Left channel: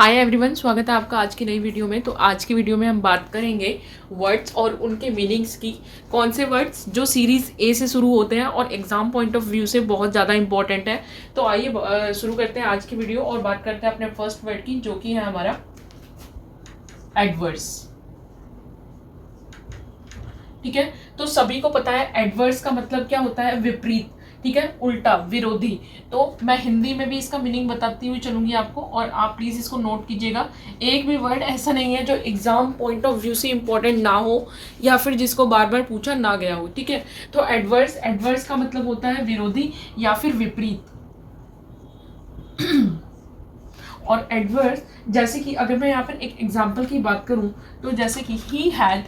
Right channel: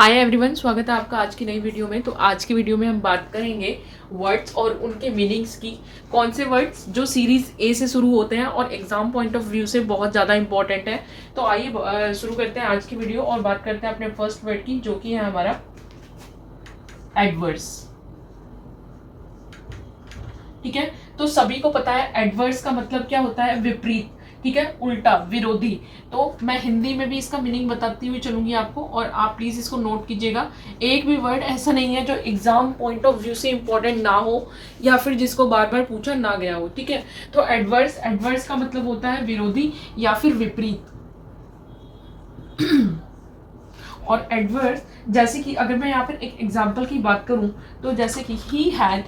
Hi everyone, स्वागत है आपका आज की नई वीडियो में। तो आज की वीडियो में हम बात करेंगे वर्ड्स और उनके मीनिंग्स की। कौन से वर्ड्स जो सीरीज ए से शुरू होते हैं और एग्जाम पॉइंट ऑफ व्यू से बहुत ज़्यादा इंपॉर्टेंट है। तो आइए शुरू करते हैं आज की वीडियो और बात करते हैं अपने फर्स्ट वर्ड की, जो कि है हमारा एडवर्स। ठीक है, तो सभी को पता है एडवर्स का मतलब क्या होता है, विपरीत। ठीक है, उल्टा, विरोधी। तो मैं हिंदी में भी इसका मीनिंग बताती हुई चलूंगी आपको, और आप प्लीज इसको नोट कीजिएगा। एक भी वर्ड ऐसा नहीं है जो एग्जाम पॉइंट ऑफ व्यू से इंपॉर्टेंट ना हो या फिर जिसको बार बार पूछा ना गया हो। ठीक है, तो एडवर्स, एडवर्स का मतलब होता है विरोधी या फिर विपरीत। और एडवर्स, जैसे कि अगर मैं यहाँ पर एक एग्जाम्पल की बात करूं, तो जैसे कि he had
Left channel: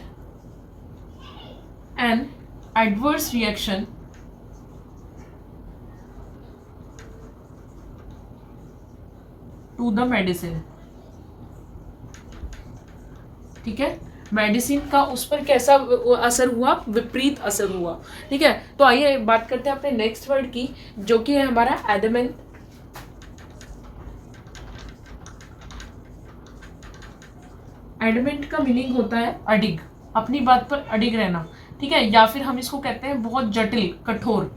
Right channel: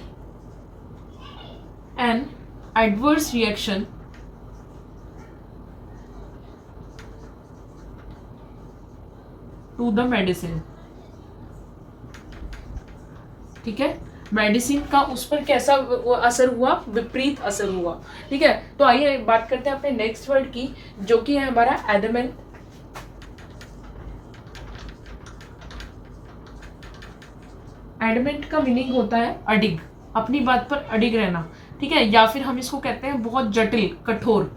an adverse reaction to the medicine. ठीक है, मेडिसिन का उस पर कैसा असर हुआ, विपरीत असर हुआ। ठीक है, तो आइए बात करते हैं अपने नेक्स्ट वर्ड की, जो कि है हमारा एडमेंट। एडमेंट का मीनिंग होता है अडिग, अपनी बात पर अडिग रहना। ठीक है, या फिर हम इसको कहते हैं बहुत जटिल, कठोर।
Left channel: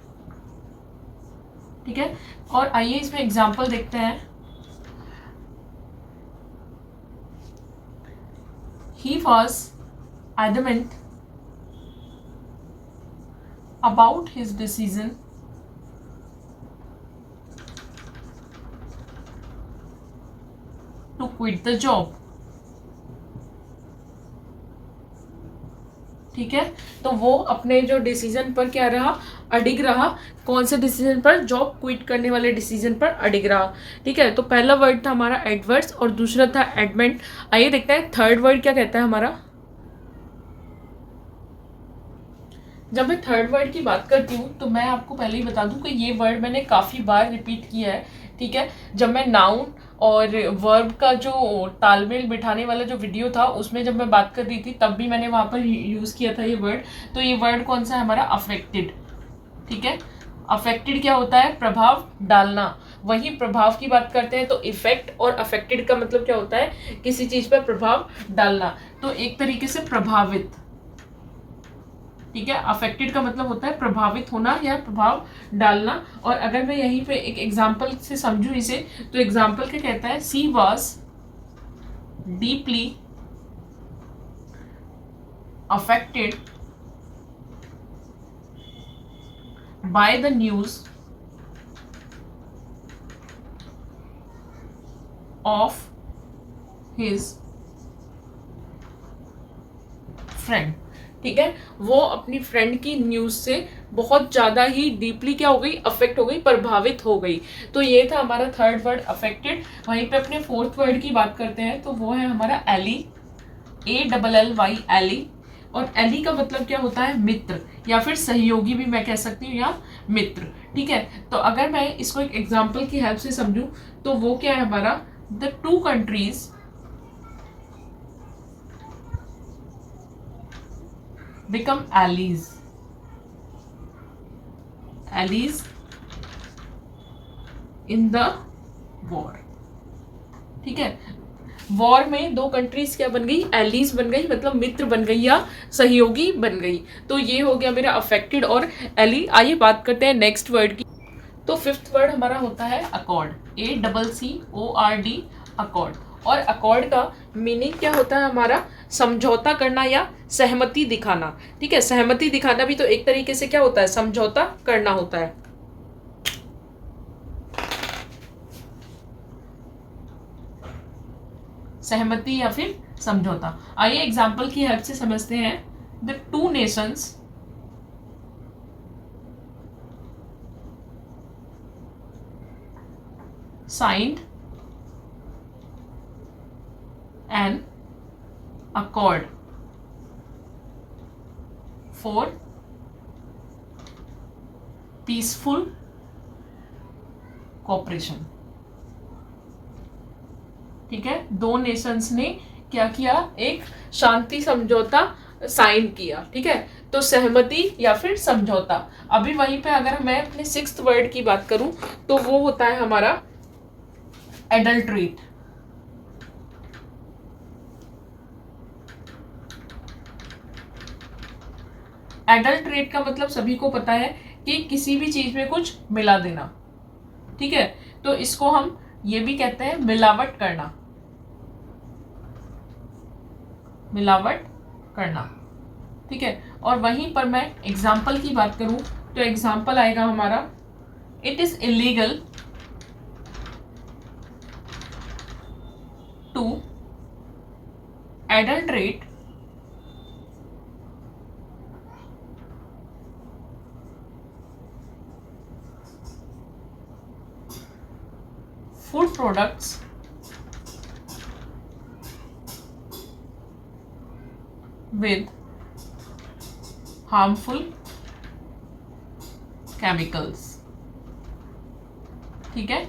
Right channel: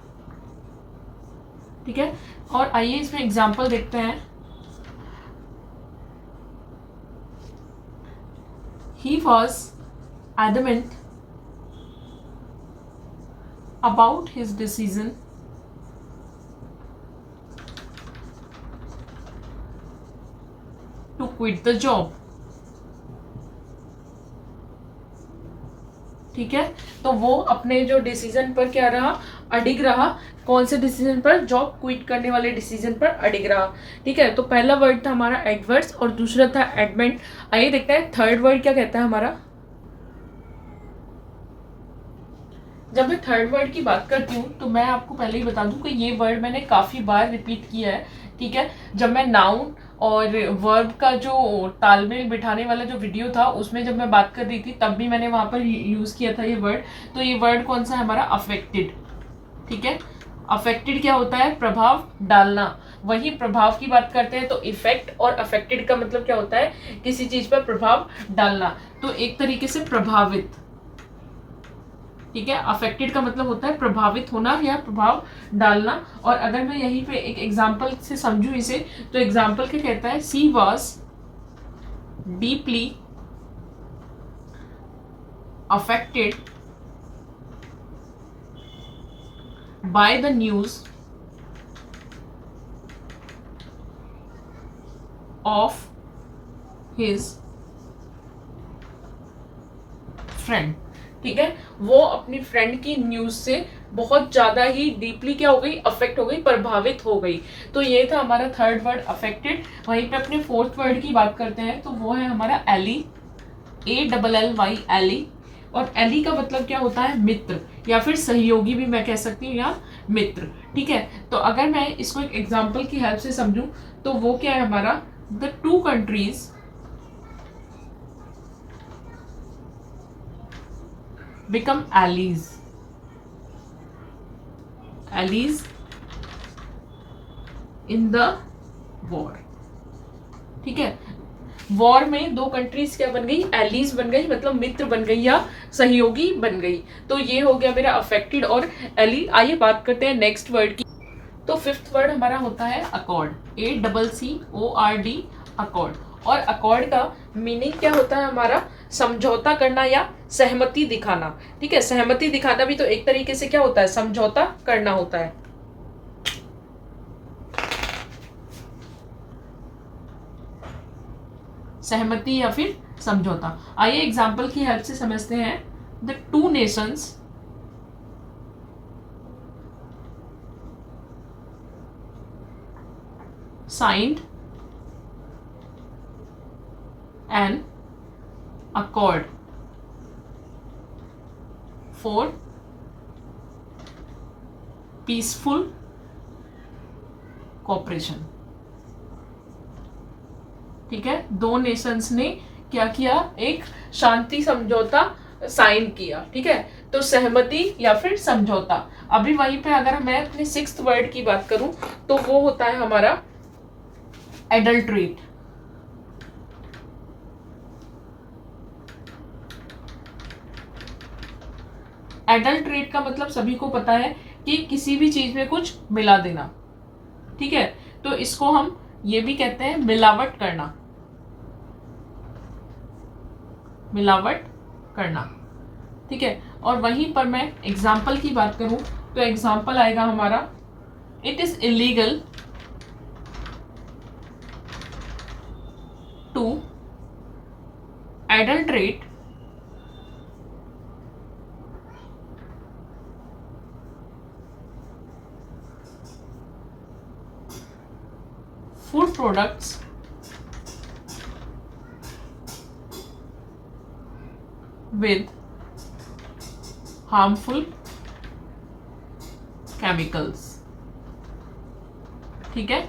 ठीक है, और आइए इसमें एग्जाम्पल देखते हैं। He was adamant about his decision to quit the job. ठीक है, तो वो अपने जो डिसीजन पर क्या रहा, अडिग रहा। कौन से डिसीजन पर, जॉब क्विट करने वाले डिसीजन पर अडिग रहा। ठीक है, तो पहला वर्ड था हमारा एडवर्स और दूसरा था एडमेंट। आइए देखते हैं थर्ड वर्ड क्या कहता है हमारा। जब मैं थर्ड वर्ड की बात करती हूँ तो मैं आपको पहले ही बता दूं कि ये वर्ड मैंने काफ़ी बार रिपीट किया है। ठीक है, जब मैं नाउन और वर्ब का जो तालमेल बिठाने वाला जो वीडियो था उसमें जब मैं बात कर रही थी तब भी मैंने वहाँ पर यूज़ किया था ये वर्ड। तो ये वर्ड कौन सा है हमारा, अफेक्टेड। ठीक है, अफेक्टेड क्या होता है, प्रभाव डालना। वही प्रभाव की बात करते हैं तो इफेक्ट और अफेक्टेड का मतलब क्या होता है, किसी चीज़ पर प्रभाव डालना। तो एक तरीके से प्रभावित। ठीक है, अफेक्टेड का मतलब होता है प्रभावित होना या प्रभाव डालना। और अगर मैं यहीं पे एक एग्जांपल से समझूं इसे, तो एग्जांपल क्या कहता है, she was deeply affected by the news of his friend. ठीक है, वो अपनी फ्रेंड की न्यूज से बहुत ज्यादा ही डीपली क्या हो गई, अफेक्ट हो गई, प्रभावित हो गई। तो ये था हमारा थर्ड वर्ड अफेक्टेड। वहीं पे अपने फोर्थ वर्ड की बात करते हैं तो वो है हमारा एली, ALLY, एली। और एली का मतलब क्या होता है, मित्र या फिर सहयोगी भी मैं कह सकती हूँ, या मित्र। ठीक है, तो अगर मैं इसको एक एग्जाम्पल की हेल्प से समझूं तो वो क्या है हमारा, the two countries become allies in the war। ठीक है, वॉर में दो कंट्रीज क्या बन गई, एलीज बन गई, मतलब मित्र बन गई या सहयोगी बन गई। तो ये हो गया मेरा अफेक्टेड और एली। आइए बात करते हैं नेक्स्ट वर्ड की। तो फिफ्थ वर्ड हमारा होता है अकॉर्ड, ACCORD, अकॉर्ड। और अकॉर्ड का मीनिंग क्या होता है हमारा, समझौता करना या सहमति दिखाना। ठीक है, सहमति दिखाना भी तो एक तरीके से क्या होता है, समझौता करना होता है। सहमति या फिर समझौता। आइए एग्जाम्पल की हेल्प से समझते हैं। The two nations signed an accord for peaceful cooperation। ठीक है, दो नेशंस ने क्या किया, एक शांति समझौता साइन किया। ठीक है, तो सहमति या फिर समझौता। अभी वहीं पे अगर मैं अपने सिक्स्थ वर्ड की बात करूं तो वो होता है हमारा एडल्ट्रेट। एडल्ट्रेट का मतलब सभी को पता है कि किसी भी चीज में कुछ मिला देना, ठीक है, तो इसको हम ये भी कहते हैं मिलावट करना, मिलावट करना, ठीक है। और वहीं पर मैं एग्जाम्पल की बात करूं तो एग्जाम्पल आएगा हमारा, it is illegal to adulterate food products with harmful chemicals, ठीक है।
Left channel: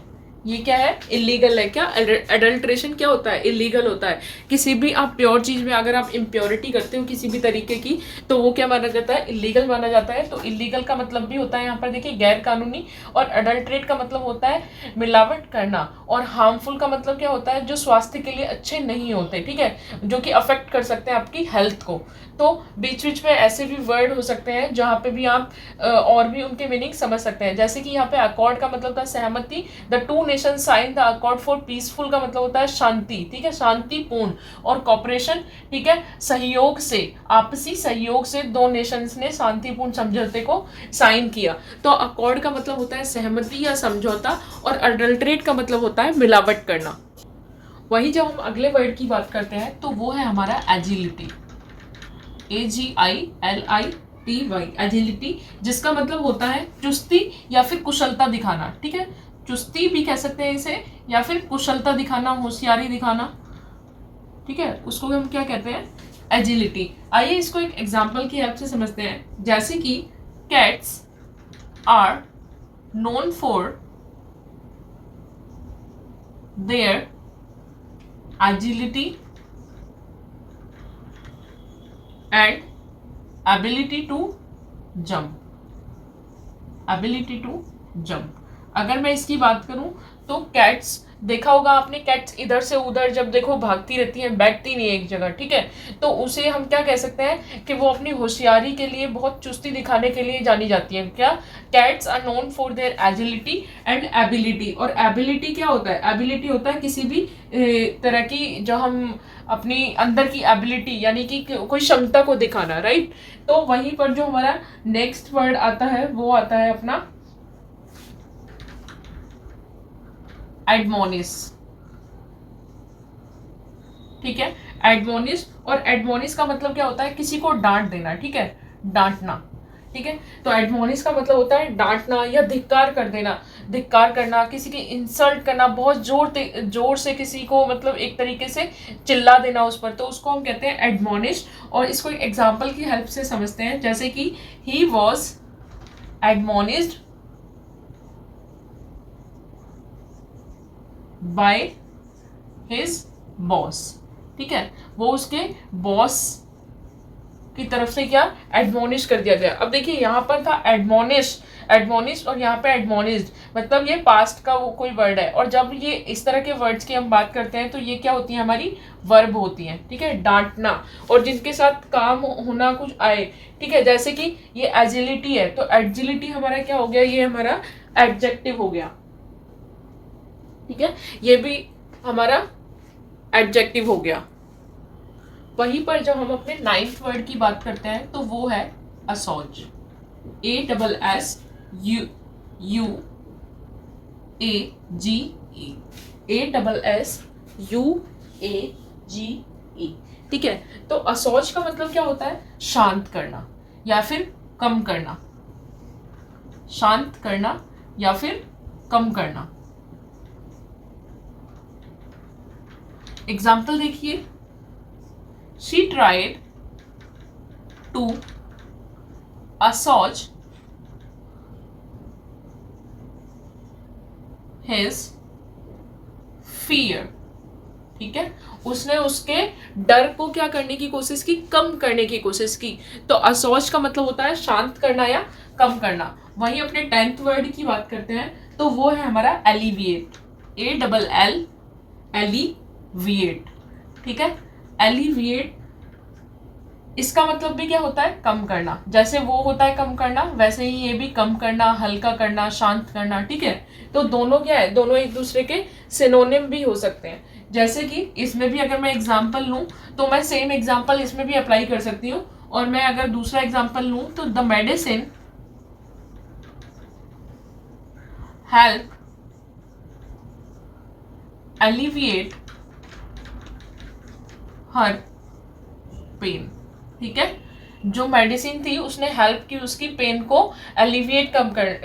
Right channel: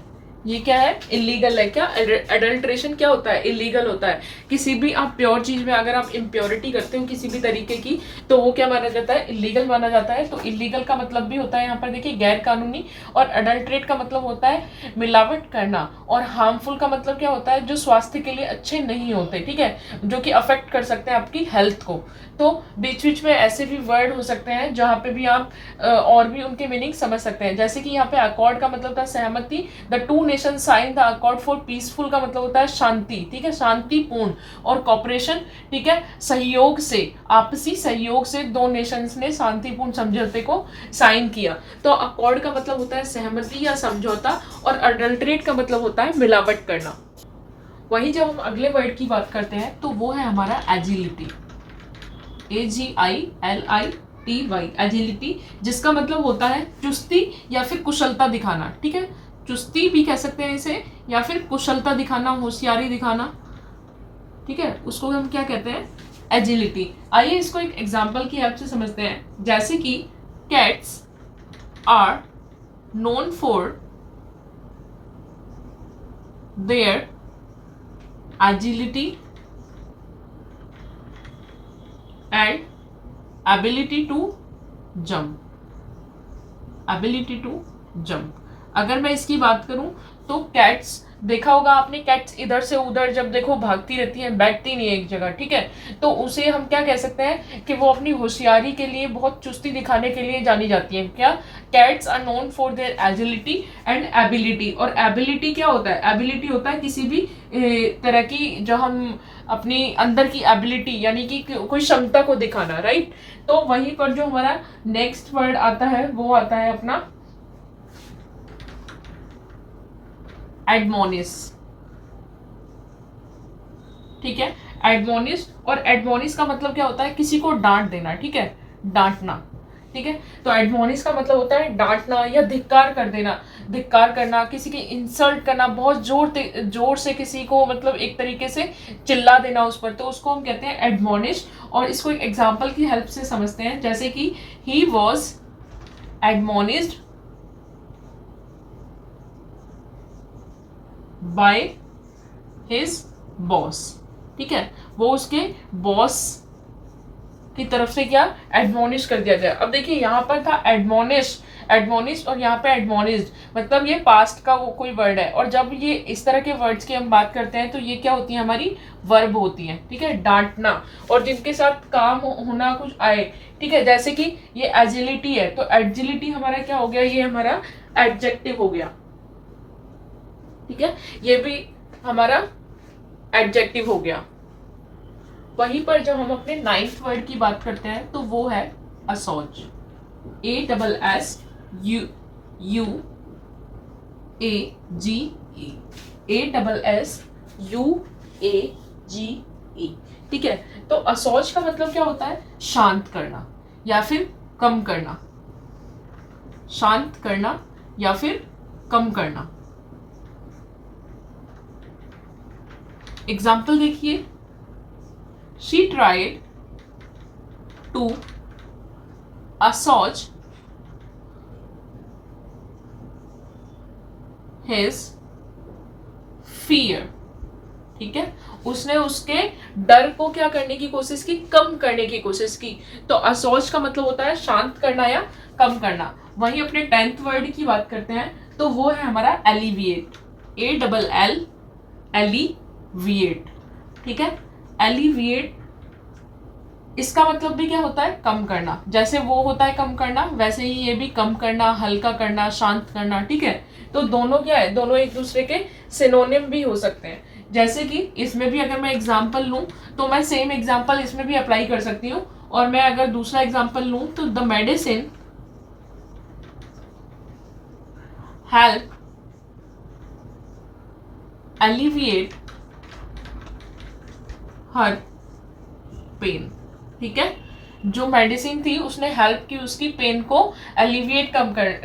ये क्या है, इलीगल है। क्या एडल्ट्रेशन क्या होता है, इलीगल होता है। किसी भी आप प्योर चीज में अगर आप इम्प्योरिटी करते हो किसी भी तरीके की, तो वो क्या माना जाता है, इलीगल माना जाता है। तो इलीगल का मतलब भी होता है यहाँ पर देखिए गैर कानूनी, और एडल्ट्रेट का मतलब होता है मिलावट करना, और हार्मफुल का मतलब क्या होता है, जो स्वास्थ्य के लिए अच्छे नहीं होते, ठीक है, जो कि अफेक्ट कर सकते हैं आपकी हेल्थ को। तो बीच बीच में ऐसे भी वर्ड हो सकते हैं जहाँ पे भी आप और भी उनके मीनिंग समझ सकते हैं। जैसे कि यहाँ पे अकॉर्ड का मतलब था सहमति, the two nation sign the accord for peaceful का मतलब होता है शांति, ठीक है, शांतिपूर्ण, और कॉपरेशन, ठीक है, सहयोग से, आपसी सहयोग से दो नेशंस ने शांतिपूर्ण समझौते को साइन किया। तो अकॉर्ड का मतलब होता है सहमति या समझौता, और अडल्ट्रेट का मतलब होता है मिलावट करना। वही जब हम अगले वर्ड की बात करते हैं तो वो है हमारा एजिलिटी, AGILITY, एजिलिटी, जिसका मतलब होता है चुस्ती या फिर कुशलता दिखाना, ठीक है, चुस्ती भी कह सकते हैं इसे, या फिर कुशलता दिखाना, होशियारी दिखाना, ठीक है, उसको हम क्या कहते हैं, एजिलिटी। आइए इसको एक एग्जांपल की हेल्प से समझते हैं। जैसे कि cats are known for their agility and ability to jump, ability to jump. अगर मैं इसकी बात करूं तो कैट्स, देखा होगा आपने, कैट्स इधर से उधर जब देखो भागती रहती हैं, बैठती नहीं एक जगह, ठीक है, तो उसे हम क्या कह सकते हैं कि वो अपनी होशियारी के लिए, बहुत चुस्ती दिखाने के लिए जानी जाती है। क्या, cats are known for their agility and ability. और एबिलिटी क्या होता है, एबिलिटी होता है किसी भी तरह की, जो हम अपनी अंदर की एबिलिटी यानी कि कोई क्षमता को दिखाना, राइट। तो वहीं पर जो हमारा नेक्स्ट वर्ड आता है वो आता है अपना एडमोनिश, ठीक है, एडमोनिश। और एडमोनिश का मतलब क्या होता है, किसी को डांट देना, ठीक है, डांटना, ठीक है। तो एडमोनिश का मतलब होता है डांटना या धिक्कार कर देना, धिक्कार करना, किसी की इंसल्ट करना, बहुत जोर से किसी को, मतलब एक तरीके से चिल्ला देना उस पर, तो उसको हम कहते हैं एडमोनिश। और इसको एक एग्जांपल की हेल्प से समझते हैं। जैसे कि he was admonished by his boss, ठीक है, वो उसके बॉस की तरफ से क्या, एडमोनिश कर दिया गया। अब देखिए यहाँ पर था एडमोनिश, एडमोनिश, और यहाँ पे एडमोनिश्ड, मतलब ये पास्ट का वो कोई वर्ड है। और जब ये इस तरह के वर्ड्स की हम बात करते हैं तो ये क्या होती है, हमारी वर्ब होती है, ठीक है, डांटना, और जिनके साथ काम होना कुछ आए, ठीक है। जैसे कि ये एजिलिटी है, तो एजिलिटी हमारा क्या हो गया, ये हमारा एडजेक्टिव हो गया, ठीक है, ये भी हमारा एडजेक्टिव हो गया। वहीं पर जब हम अपने नाइन्थ वर्ड की बात करते हैं तो वो है असौज, ASSUAGE, ASSUAGE, ठीक है। तो असौज का मतलब क्या होता है, शांत करना या फिर कम करना, शांत करना या फिर कम करना। एग्जाम्पल देखिए, she tried to assuage his fear, ठीक है, उसने उसके डर को क्या करने की कोशिश की, कम करने की कोशिश की। तो असौज का मतलब होता है शांत करना या कम करना। वहीं अपने 10th वर्ड की बात करते हैं तो वो है हमारा एलिविएट, ALL एलिविएट, ठीक है, एलिविएट इसका मतलब भी क्या होता है, कम करना। जैसे वो होता है कम करना, वैसे ही ये भी कम करना, हल्का करना, शांत करना, ठीक है। तो दोनों क्या है, दोनों एक दूसरे के सिनोनिम भी हो सकते हैं। जैसे कि इसमें भी अगर मैं एग्जांपल लूं तो मैं सेम एग्जांपल इसमें भी अप्लाई कर सकती हूँ। और मैं अगर दूसरा एग्जांपल लूं तो the medicine help alleviate her pain, ठीक है। जो मेडिसिन थी उसने हेल्प की उसकी पेन को एलिविएट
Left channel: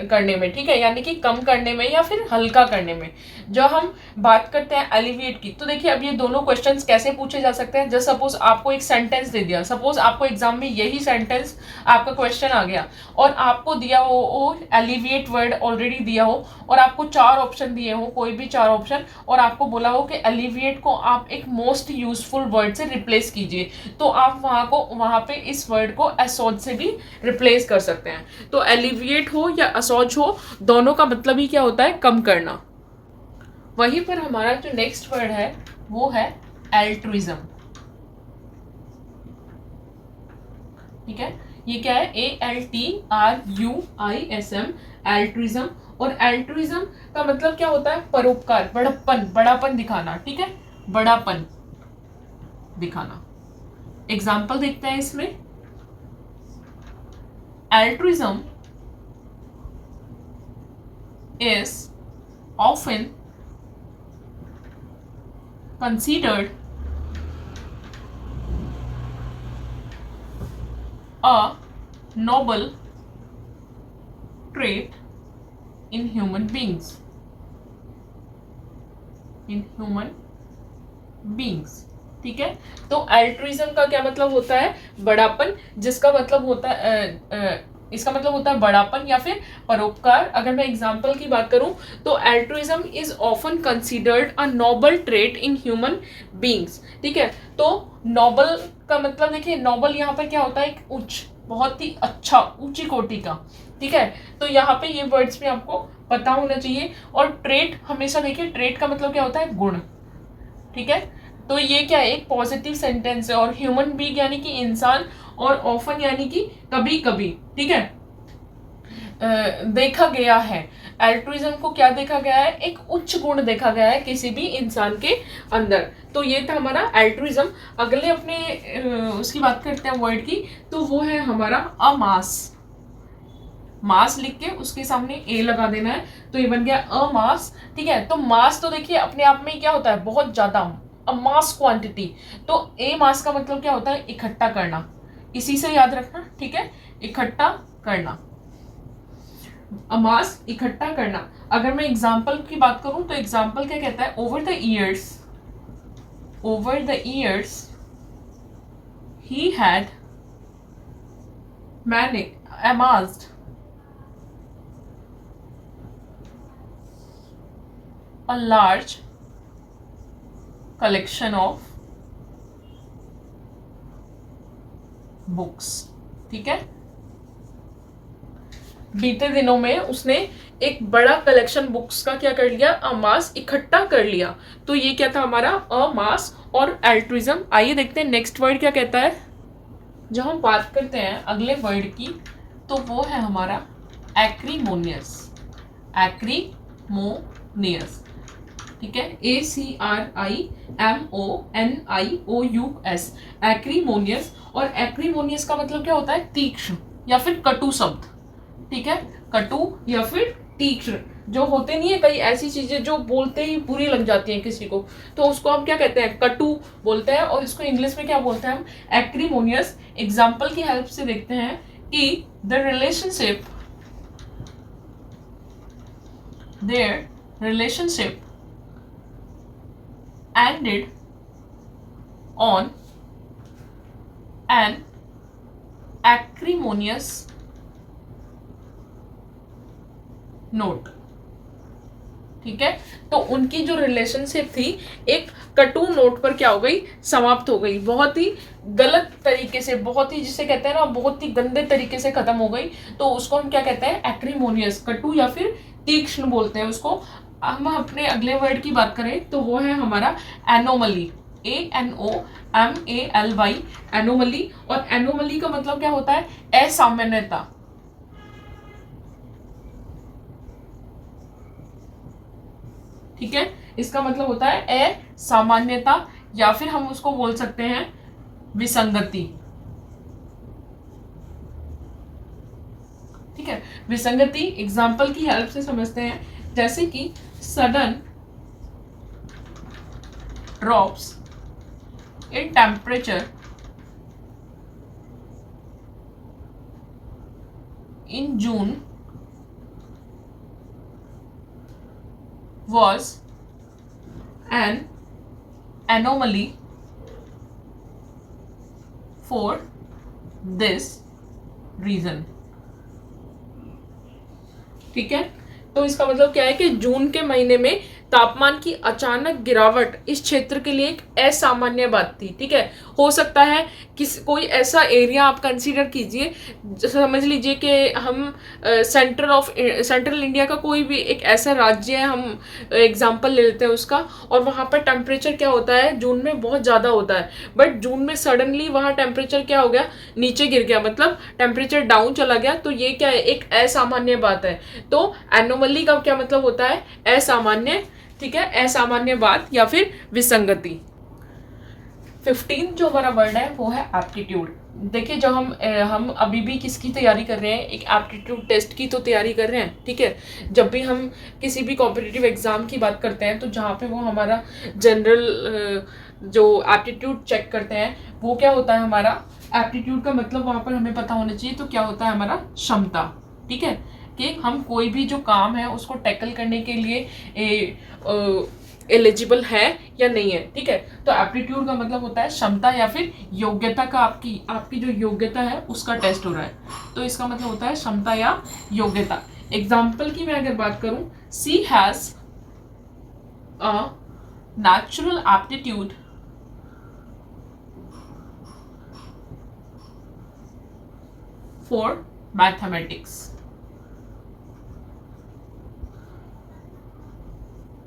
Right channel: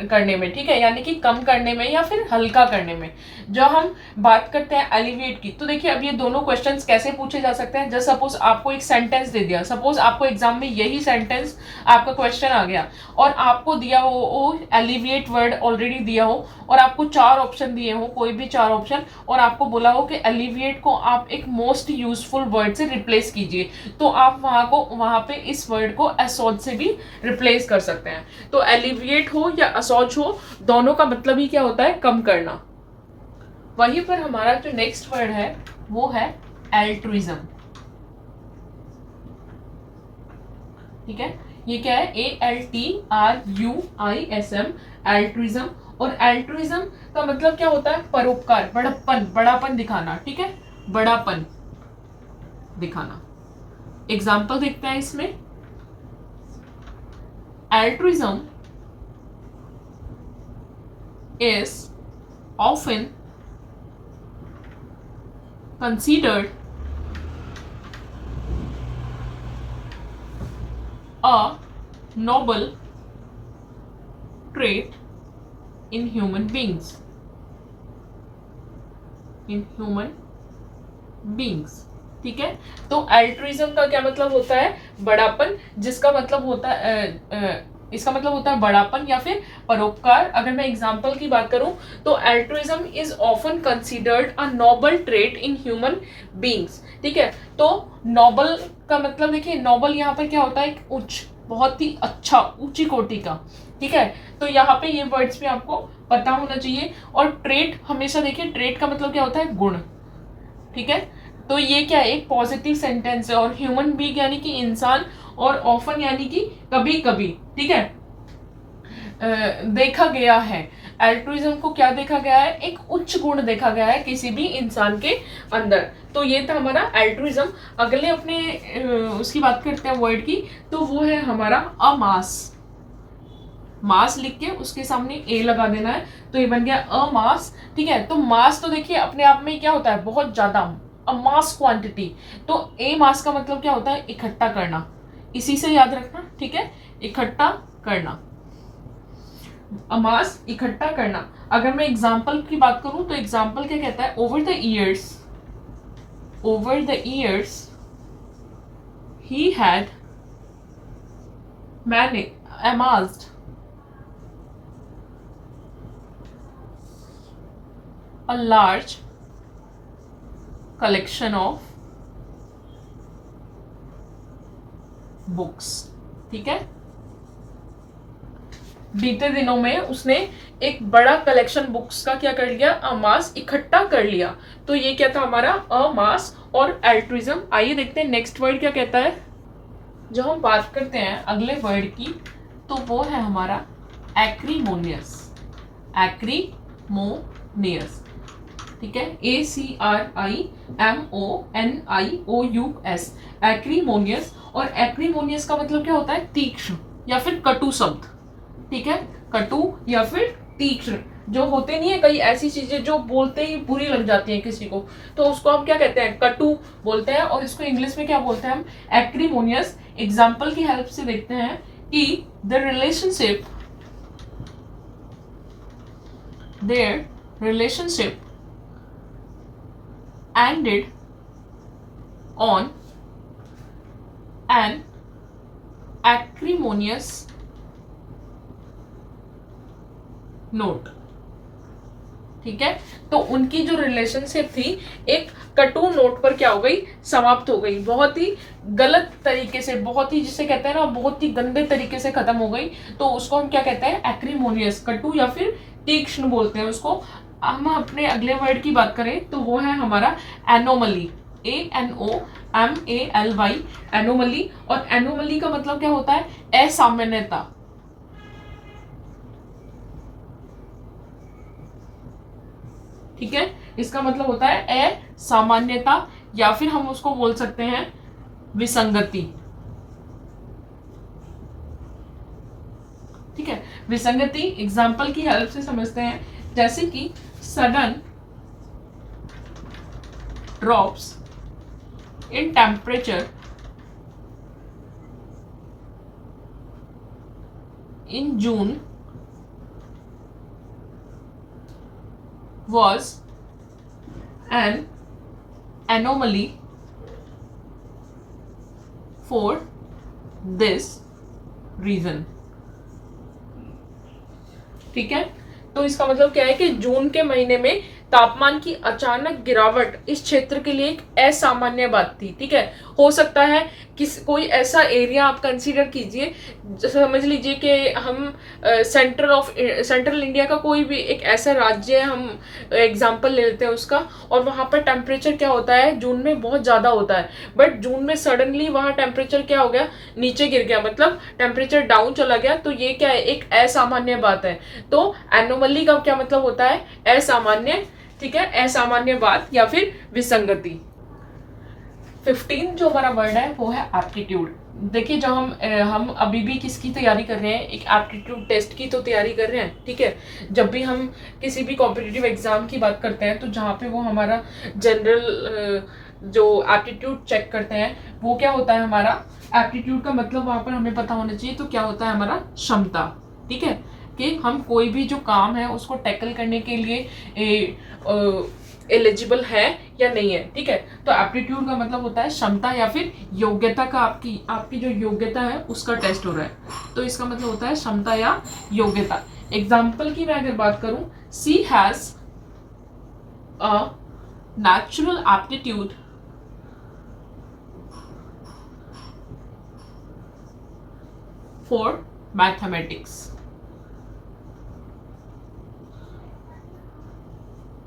करने में, ठीक है, यानी कि कम करने में या फिर हल्का करने में। जब हम बात करते हैं एलिविएट की, तो देखिए अब ये दोनों क्वेश्चंस कैसे पूछे जा सकते हैं। जस्ट सपोज आपको एक सेंटेंस दे दिया, सपोज आपको एग्जाम में यही सेंटेंस आपका क्वेश्चन आ गया और आपको दिया हो एलिविएट वर्ड ऑलरेडी दिया हो और आपको 4 ऑप्शन दिए हो, कोई भी 4 ऑप्शन, और आपको बोला हो कि एलिविएट को आप एक मोस्ट यूजफुल वर्ड से रिप्लेस कीजिए, तो आप वहां पे इस वर्ड को असॉज से भी रिप्लेस कर सकते हैं। तो एलिविएट हो या असॉज हो, दोनों का मतलब ही क्या होता है, कम करना। वहीं पर हमारा जो नेक्स्ट वर्ड है वो है एल्ट्रुइज्म, ठीक है। ये क्या है, ALTRUISM, एल्ट्रुइज्म। और एल्ट्रुइज्म का मतलब क्या होता है, परोपकार, बड़ापन दिखाना, ठीक है, बड़ापन दिखाना। एग्जाम्पल देखते हैं इसमें। Altruism is often considered a noble trait in human beings. ठीक है। तो एल्ट्रुइज्म का क्या मतलब होता है, बड़ापन, जिसका मतलब होता है इसका मतलब होता है बड़ापन या फिर परोपकार। अगर मैं एग्जाम्पल की बात करूं तो altruism is often considered a Nobel trait in human beings, ठीक है। तो नोबल का मतलब देखिए, नोबल यहाँ पर क्या होता है, एक उच्च, बहुत ही अच्छा, ऊंची कोटि का, ठीक है। तो यहाँ पे ये वर्ड्स भी आपको पता होना चाहिए। और ट्रेट, हमेशा देखिए ट्रेट का मतलब क्या होता है, गुण, ठीक है। तो ये क्या है, एक पॉजिटिव सेंटेंस है। और ह्यूमन बीइंग यानी कि इंसान, और ऑफन यानी कि कभी कभी, ठीक है, देखा गया है। एल्ट्रुइज्म को क्या देखा गया है, एक उच्च गुण देखा गया है किसी भी इंसान के अंदर। तो ये था हमारा एल्ट्रुइज्म। अगले अपने उसकी बात करते हैं वर्ड की, तो वो है हमारा अमास। मास लिख के उसके सामने ए लगा देना है, तो ये बन गया अमास, ठीक है। तो मास तो देखिए अपने आप में क्या होता है, बहुत ज्यादा, मास क्वांटिटी। तो ए मास का मतलब क्या होता है, इकट्ठा करना, इसी से याद रखना, ठीक है, इकट्ठा करना, मास इकट्ठा करना। अगर मैं एग्जाम्पल की बात करूं तो एग्जाम्पल क्या कहता है, over the years he had amassed a large collection of books, ठीक है। बीते दिनों में उसने एक बड़ा कलेक्शन बुक्स का क्या कर लिया, अमास, इकट्ठा कर लिया। तो ये क्या था हमारा अमास और एल्ट्रुइज्म। आइए देखते हैं नेक्स्ट वर्ड क्या कहता है। जब हम बात करते हैं अगले वर्ड की, तो वो है हमारा एक्रीमोनियस, ठीक है, ACRIMONIOUS, एक्रीमोनियस। और एक्रीमोनियस का मतलब क्या होता है, तीक्ष्ण या फिर कटु शब्द, ठीक है, कटु या फिर तीक्ष्ण। जो होते नहीं है कई ऐसी चीजें जो बोलते ही बुरी लग जाती हैं किसी को, तो उसको हम क्या कहते हैं, कटु बोलते हैं। और इसको इंग्लिश में क्या बोलते हैं हम, एक्रीमोनियस। एग्जाम्पल की हेल्प से देखते हैं कि their relationship ended on an acrimonious note, ठीक है। तो उनकी जो रिलेशनशिप थी एक कटु नोट पर क्या हो गई, समाप्त हो गई, बहुत ही गलत तरीके से, बहुत ही जिसे कहते हैं ना, बहुत ही गंदे तरीके से खत्म हो गई। तो उसको हम क्या कहते हैं, एक्रीमोनियस, कटु या फिर तीक्ष्ण बोलते हैं उसको। हम अपने अगले वर्ड की बात करें तो वो है हमारा एनोमली, ANOMALY, एनोमली। और एनोमली का मतलब क्या होता है? असामान्यता। ठीक है, इसका मतलब होता है असामान्यता, या फिर हम उसको बोल सकते हैं विसंगति। ठीक है, विसंगति एग्जाम्पल की हेल्प से समझते हैं, जैसे कि sudden drops in temperature in June was an anomaly for this reason। ठीक है, तो इसका मतलब क्या है कि जून के महीने में तापमान की अचानक गिरावट इस क्षेत्र के लिए एक असामान्य बात थी। ठीक है, हो सकता है कोई ऐसा एरिया आप कंसीडर कीजिए, समझ लीजिए कि हम सेंट्रल इंडिया का कोई भी एक ऐसा राज्य है, हम एग्जांपल ले लेते हैं उसका, और वहाँ पर टेम्परेचर क्या होता है जून में बहुत ज़्यादा होता है, बट जून में सडनली वहाँ टेम्परेचर क्या हो गया, नीचे गिर गया, मतलब टेम्परेचर डाउन चला गया। तो ये क्या है, एक असामान्य बात है। तो एनोमली का क्या मतलब होता है? असामान्य। ठीक है, असामान्य बात या फिर विसंगति। 15 जो हमारा वर्ड है वो है एप्टीट्यूड। देखिए, जब हम अभी भी किसकी तैयारी कर रहे हैं, एक एप्टीट्यूड टेस्ट की तो तैयारी कर रहे हैं। ठीक है, जब भी हम किसी भी कॉम्पिटिटिव एग्जाम की बात करते हैं तो जहाँ पे वो हमारा जनरल जो एप्टीट्यूड चेक करते हैं वो क्या होता है, हमारा एप्टीट्यूड का मतलब वहाँ पर हमें पता होना चाहिए। तो क्या होता है हमारा? क्षमता। ठीक है, कि हम कोई भी जो काम है उसको टैकल करने के लिए एलिजिबल है या नहीं है। ठीक है, तो एप्टीट्यूड का मतलब होता है क्षमता या फिर योग्यता का, आपकी जो योग्यता है उसका टेस्ट हो रहा है। तो इसका मतलब होता है क्षमता या योग्यता। एग्जाम्पल की मैं अगर बात करूं, she has a natural aptitude for mathematics.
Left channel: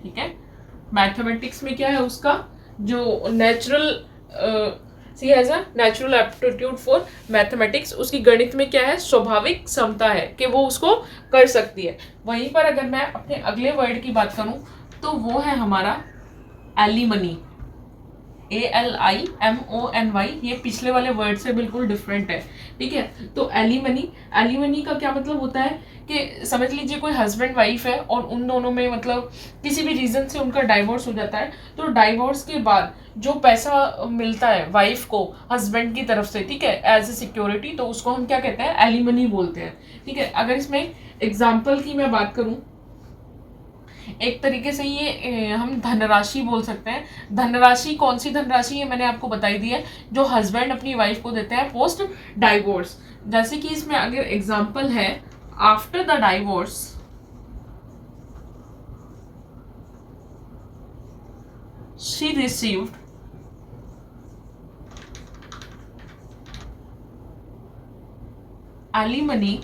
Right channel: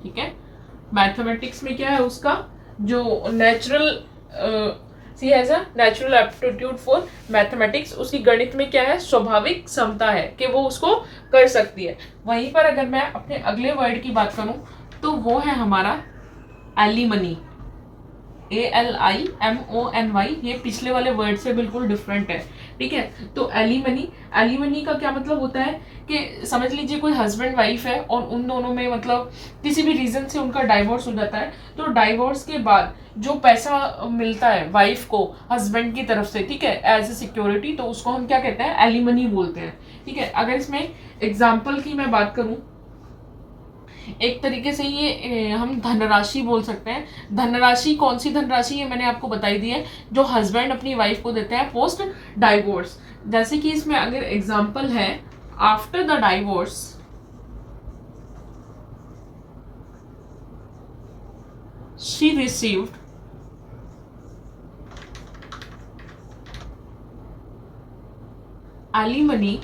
ठीक है, मैथमेटिक्स में क्या है उसका जो natural, she has a natural aptitude for mathematics, उसकी गणित में क्या है? स्वाभाविक क्षमता है कि वो उसको कर सकती है। वहीं पर अगर मैं अपने अगले वर्ड की बात करूं तो वो है हमारा एलिमनी, ALIMONY। ये पिछले वाले वर्ड से बिल्कुल डिफरेंट है। ठीक है, तो एलिमनी का क्या मतलब होता है कि समझ लीजिए कोई हस्बैंड वाइफ है और उन दोनों में मतलब किसी भी रीजन से उनका डाइवोर्स हो जाता है, तो डाइवोर्स के बाद जो पैसा मिलता है वाइफ को हस्बैंड की तरफ से, ठीक है, एज ए सिक्योरिटी, तो उसको हम क्या कहते हैं? एलिमनी बोलते हैं। ठीक है, अगर इसमें एग्जाम्पल की मैं बात करूं, एक तरीके से ये हम धनराशि बोल सकते हैं। धनराशि कौन सी धनराशि? ये मैंने आपको बताई दी है, जो हस्बैंड अपनी वाइफ को देते हैं पोस्ट डाइवोर्स। जैसे कि इसमें अगर एग्जाम्पल है, after the divorce she received alimony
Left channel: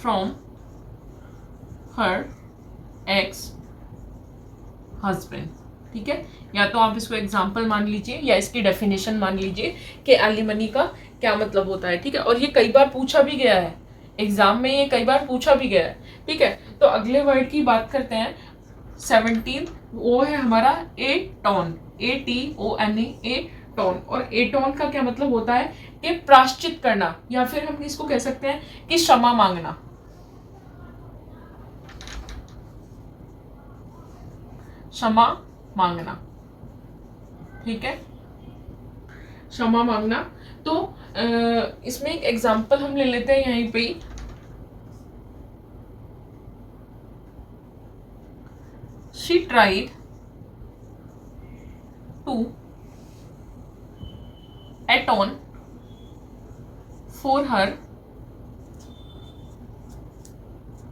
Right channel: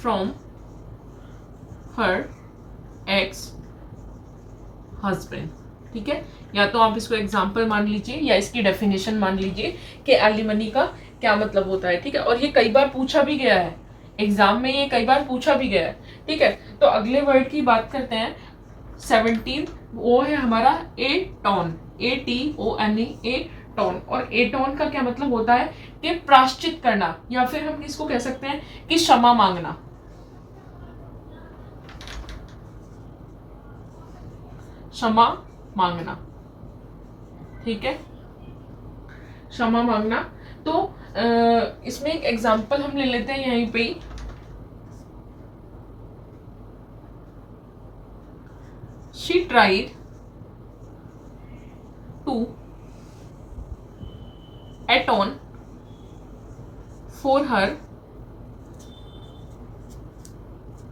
from her ex husband। ठीक है, या तो आप इसको एग्जाम्पल मान लीजिए या इसकी डेफिनेशन मान लीजिए कि एलिमनी का क्या मतलब होता है। ठीक है, और ये कई बार पूछा भी गया है एग्जाम में, ये कई बार पूछा भी गया है। ठीक है, तो अगले वर्ड की बात करते हैं 17, वो है हमारा एटोन, ATONE, एटोन। और एटोन का क्या मतलब होता है कि प्रायश्चित करना, या फिर हम इसको कह सकते हैं कि क्षमा मांगना। क्षमा मांगना। ठीक है, क्षमा मांगना। तो इसमें एक एग्जांपल हम ले लेते हैं यहीं पे। She tried to atone for her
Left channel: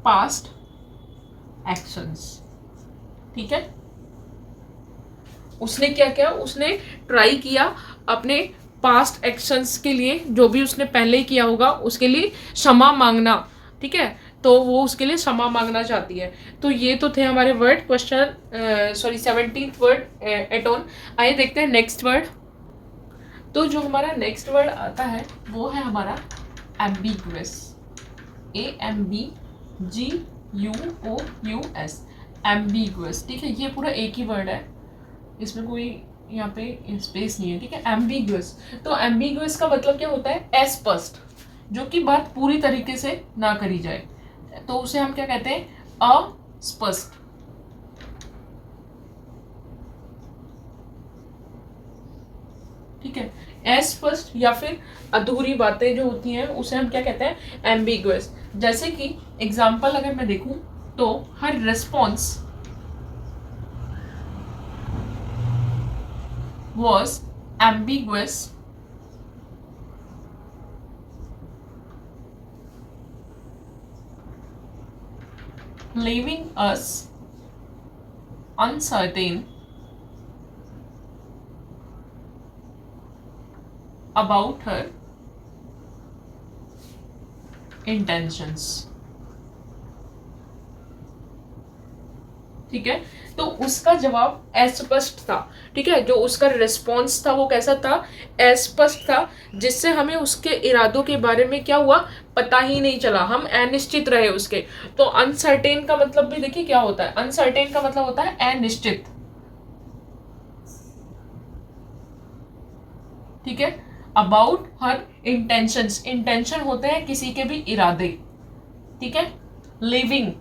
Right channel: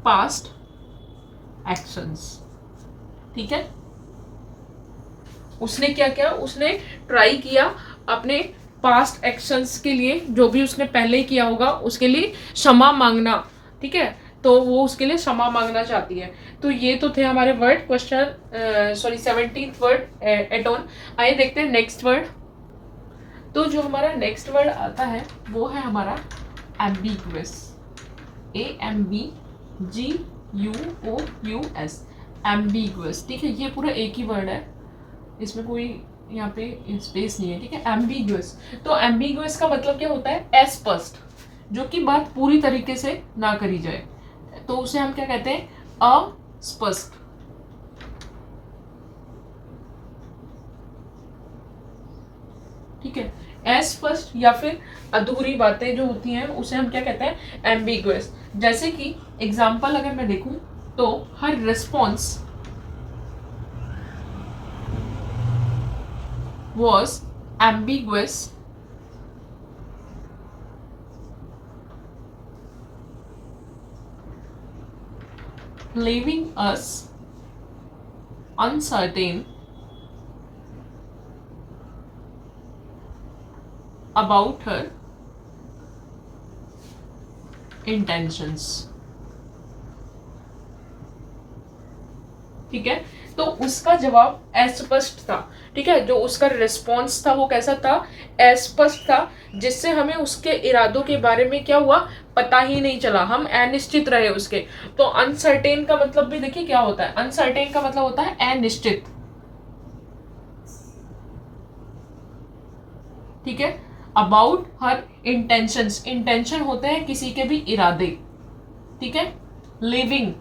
past actions। ठीक है, उसने क्या किया? उसने ट्राई किया अपने पास्ट एक्शंस के लिए, जो भी उसने पहले किया होगा उसके लिए क्षमा मांगना। ठीक है, तो वो उसके लिए क्षमा मांगना चाहती है। तो ये तो थे हमारे वर्ड क्वेश्चन 17th वर्ड एटोन। आइए देखते हैं नेक्स्ट वर्ड। तो जो हमारा नेक्स्ट वर्ड आता है वो है हमारा एम्बिगुअस, AMBGUOUS, एम्बिगुअस। ठीक है, ये पूरा एक ही वर्ड है, इसमें कोई यहाँ पे स्पेस नहीं है। ठीक है, एम्बिगुअस। तो एम्बिगुअस का मतलब क्या होता है? अस्पष्ट, जो कि बात पूरी तरीके से ना करी जाए, तो उसे हम क्या कहते हैं? अस्पष्ट। ठीक है, अस्पष्ट या फिर अधूरी बातें जो होती हैं उसे हम क्या कहते हैं? एम्बिगुअस। जैसे कि एग्जाम्पल अगर मैं देखूं तो हर response was ambiguous leaving us uncertain about her intentions। ठीक है, तो उसका जवाब अस्पष्ट था। ठीक है, जो उसका रिस्पॉन्स था वो कैसा था? अस्पष्ट था, जिससे हमें उसके इरादों के बारे में क्या हुआ? पता ही नहीं चला, हम अनिश्चित रहे उसके। तो अनसर्टेन का मतलब भी देखिए क्या होता है? अनसर्टेन का मतलब होता है अनिश्चित। ठीक है, अबाउट हर इंटेंशंस, इंटेंशन होते हैं किसी के भी इरादे। ठीक है, लिविंग,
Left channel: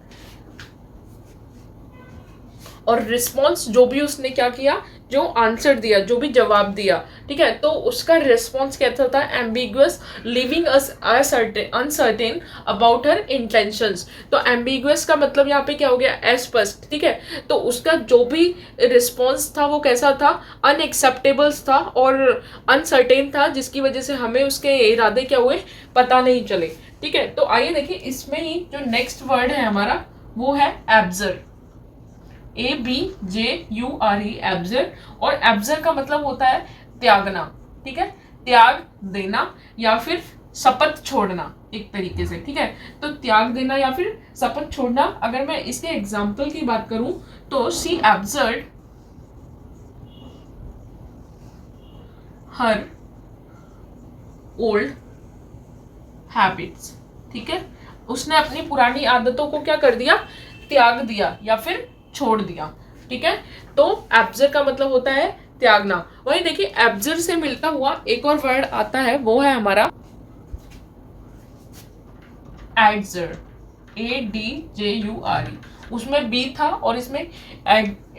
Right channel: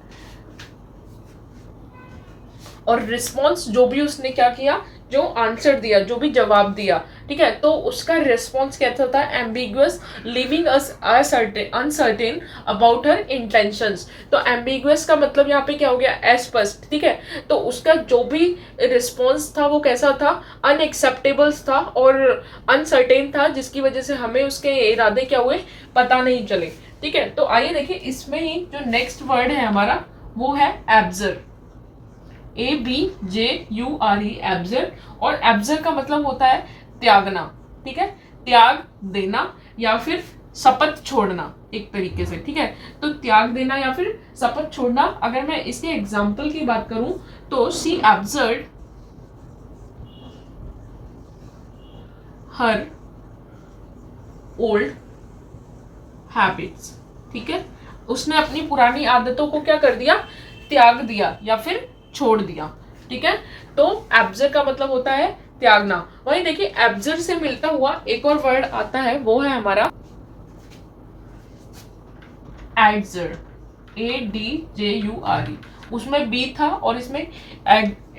और रिस्पॉन्स जो भी उसने क्या किया, जो आंसर दिया, जो भी जवाब दिया। ठीक है, तो उसका रिस्पॉन्स कैसा था? Ambiguous, living us uncertain about her intentions. तो एम्बिगुअस का मतलब यहाँ पे क्या हो गया? अस्पष्ट। ठीक है, तो उसका जो भी रिस्पॉन्स था वो कैसा था? अनएक्सेप्टेबल्स था और अनसर्टेन था, जिसकी वजह से हमें उसके इरादे क्या हुए? पता नहीं चले। ठीक है, तो आइए देखिए इसमें ही जो नेक्स्ट वर्ड है हमारा वो है एब्जर, ABJURE, एब्जर। और एब्जर का मतलब होता है त्यागना। ठीक है, त्याग देना या फिर शपथ छोड़ना एक तरीके से। ठीक है, तो त्याग देना या फिर शपथ छोड़ना। अगर मैं इसके एग्जाम्पल की बात करूं तो she absurd her old habits. ठीक है, उसने अपनी पुरानी आदतों को क्या कर दिया? त्याग दिया या फिर छोड़ दिया। ठीक है, तो एब्जर का मतलब होता है त्यागना। वही देखिए एब्जर से मिलता हुआ एक और वर्ड आता है, वो है हमारा एडजर, ADJURE। उसमें बी था और इसमें